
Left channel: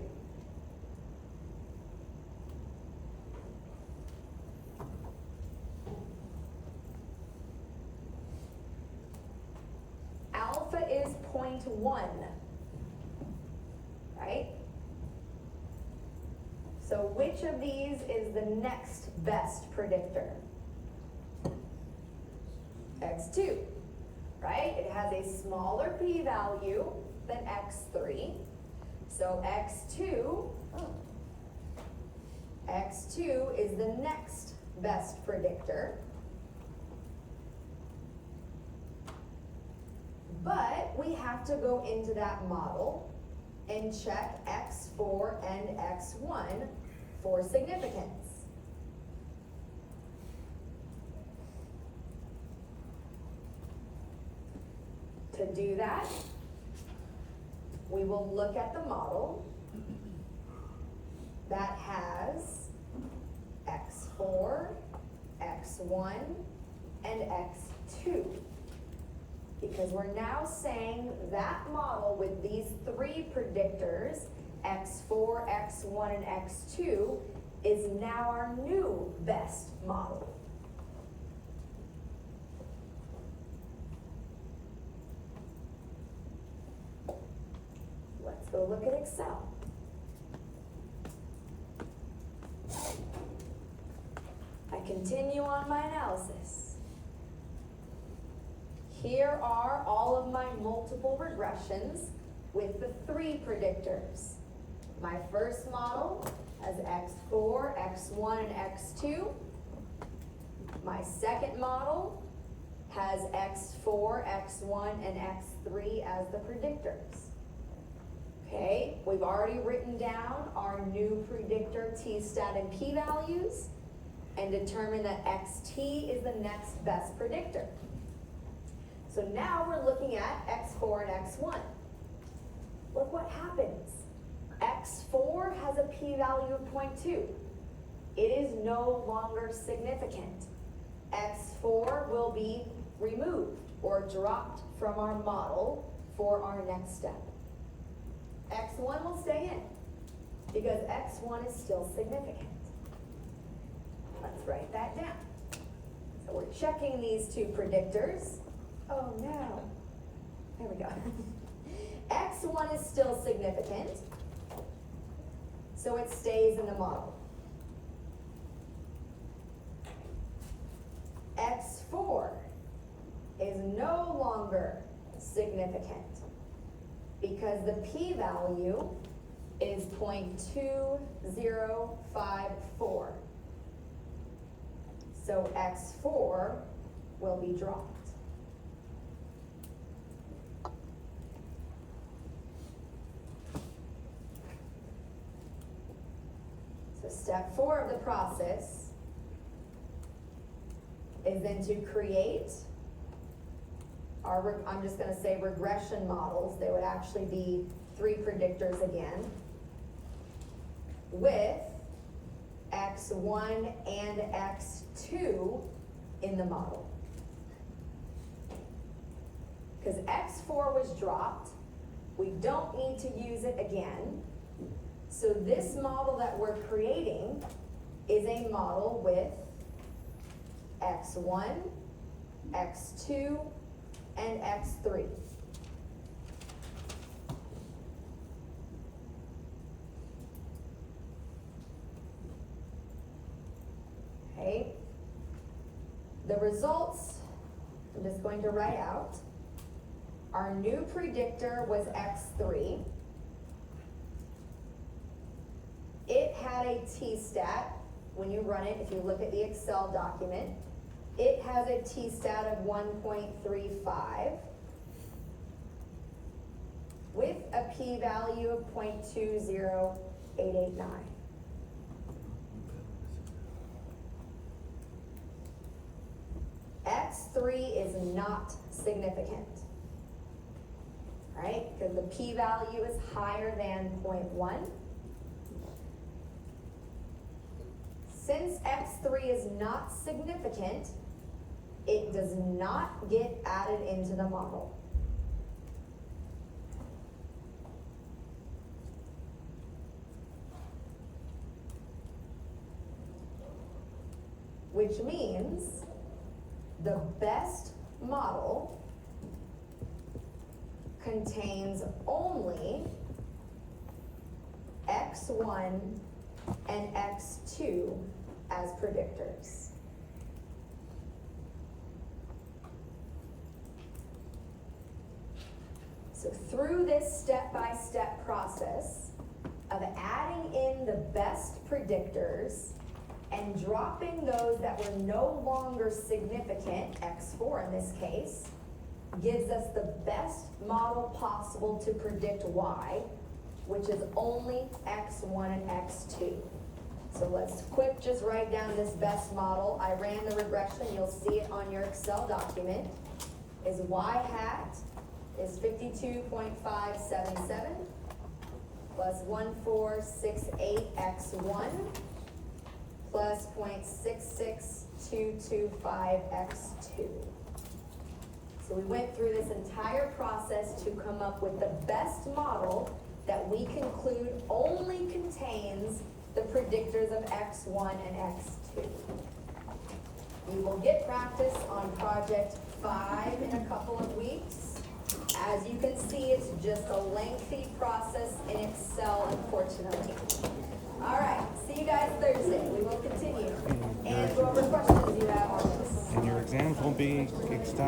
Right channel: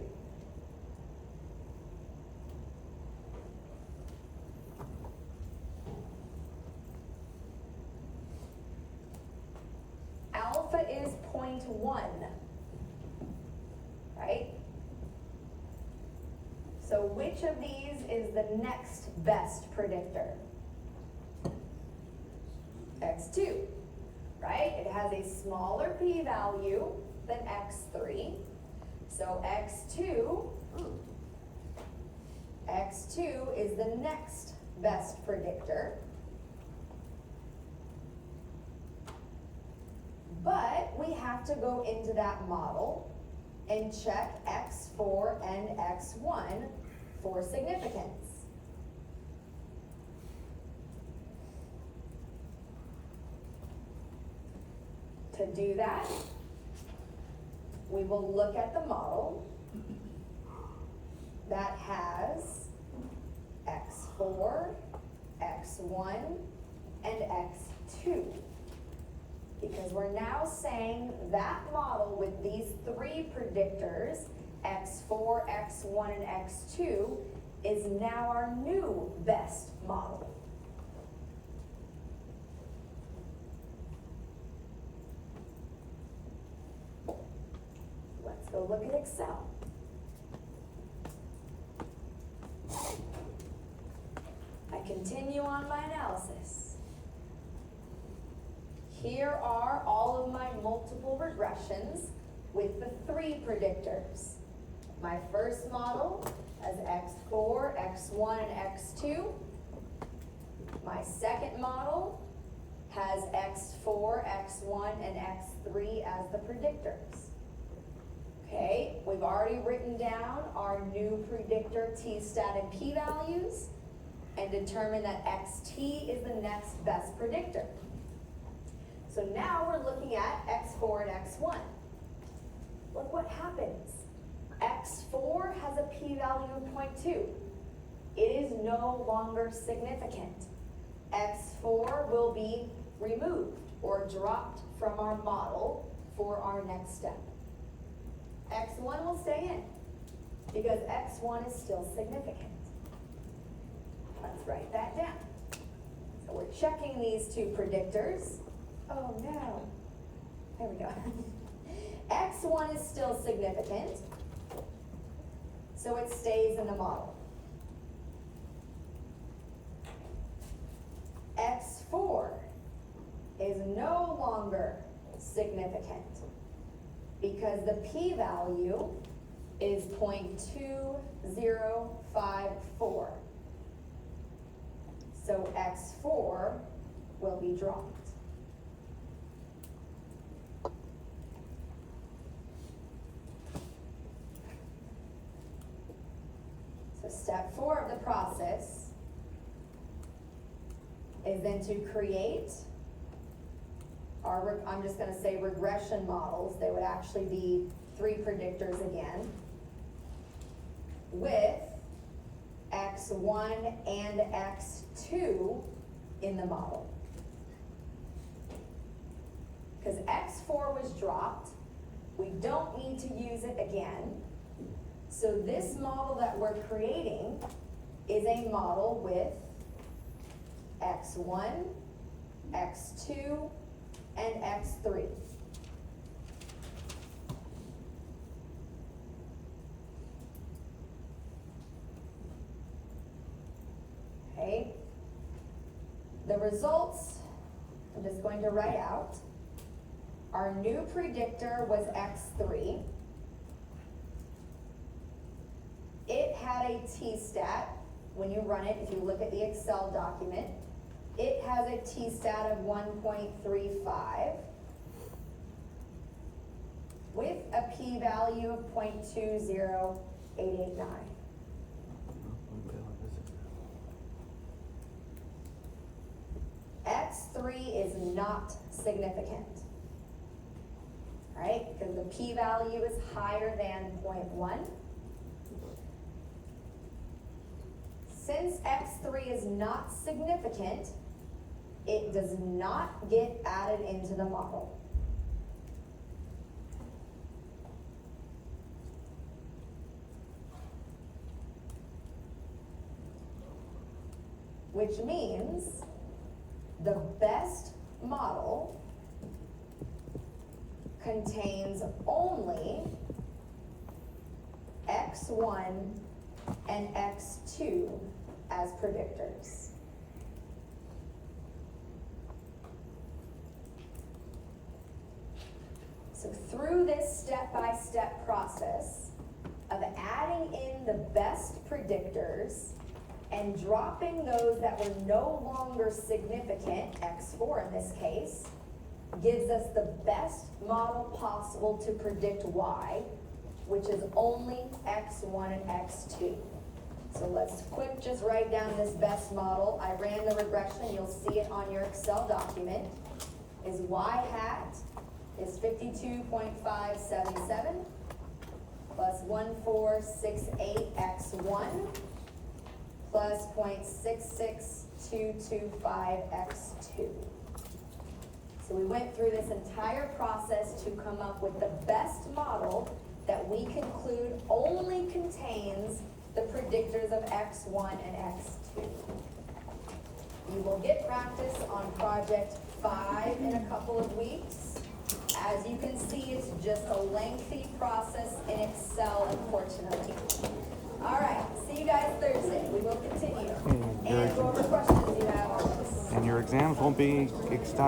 Alpha is 0.1, right? So which of these is the next best predictor? x2, right? It has a smaller p-value than x3. So x2 is the next best predictor. But we have to go into that model and check x4 and x1 for significance. To do that, we will look at the model that has x4, x1, and x2. Because we're now saying that model with these 3 predictors, x4, x1, and x2, is now our new best model. Let's go look at Excel. I continue on my analysis. Here are all of my multiple regressions with the 3 predictors. My first model has x4, x1, and x2. My second model has x4, x1, and x3 as the predictors. Okay, we've already written down our new predictor t-stat and p-values and determined that xt is the next best predictor. So now we're looking at x4 and x1. Look what happens. x4 has a p-value of 0.2. It is no longer significant. x4 will be removed or dropped from our model for our next step. x1 will stay in because x1 is still significant. Let's write that down. So we're checking these two predictors. Oh no. There we go. x1 is still significant, so it stays in the model. x4 is no longer significant because the p-value is 0.2054. So x4 will be dropped. So step 4 of the process is then to create our, I'm just gonna say regression models. They would actually be 3 predictors again with x1 and x2 in the model. Because x4 was dropped, we don't need to use it again. So this model that we're creating is a model with x1, x2, and x3. Okay. The results, I'm just going to write out. Our new predictor was x3. It had a t-stat. When you run it, if you look at the Excel document, it has a t-stat of 1.35 with a p-value of 0.20889. x3 is not significant, right? Because the p-value is higher than 0.1. Since x3 is not significant, it does not get added into the model. Which means the best model contains only x1 and x2 as predictors. So through this step-by-step process of adding in the best predictors and dropping those that were no longer significant, x4 in this case, gives us the best model possible to predict y, which is only x1 and x2. So let's quick just write down this best model. I ran the regression, you'll see it on your Excel document. Is y hat is 52.577 plus 1468x1 plus 0.66225x2. So we went through this entire process to come up with the best model that we conclude only contains the predictors of x1 and x2. You will get practice on project 5 in a couple of weeks. As you can see, it's just a lengthy process in Excel, unfortunately. All right, see you guys Thursday. We will continue. And go over questions you have. And your exams won't be extended.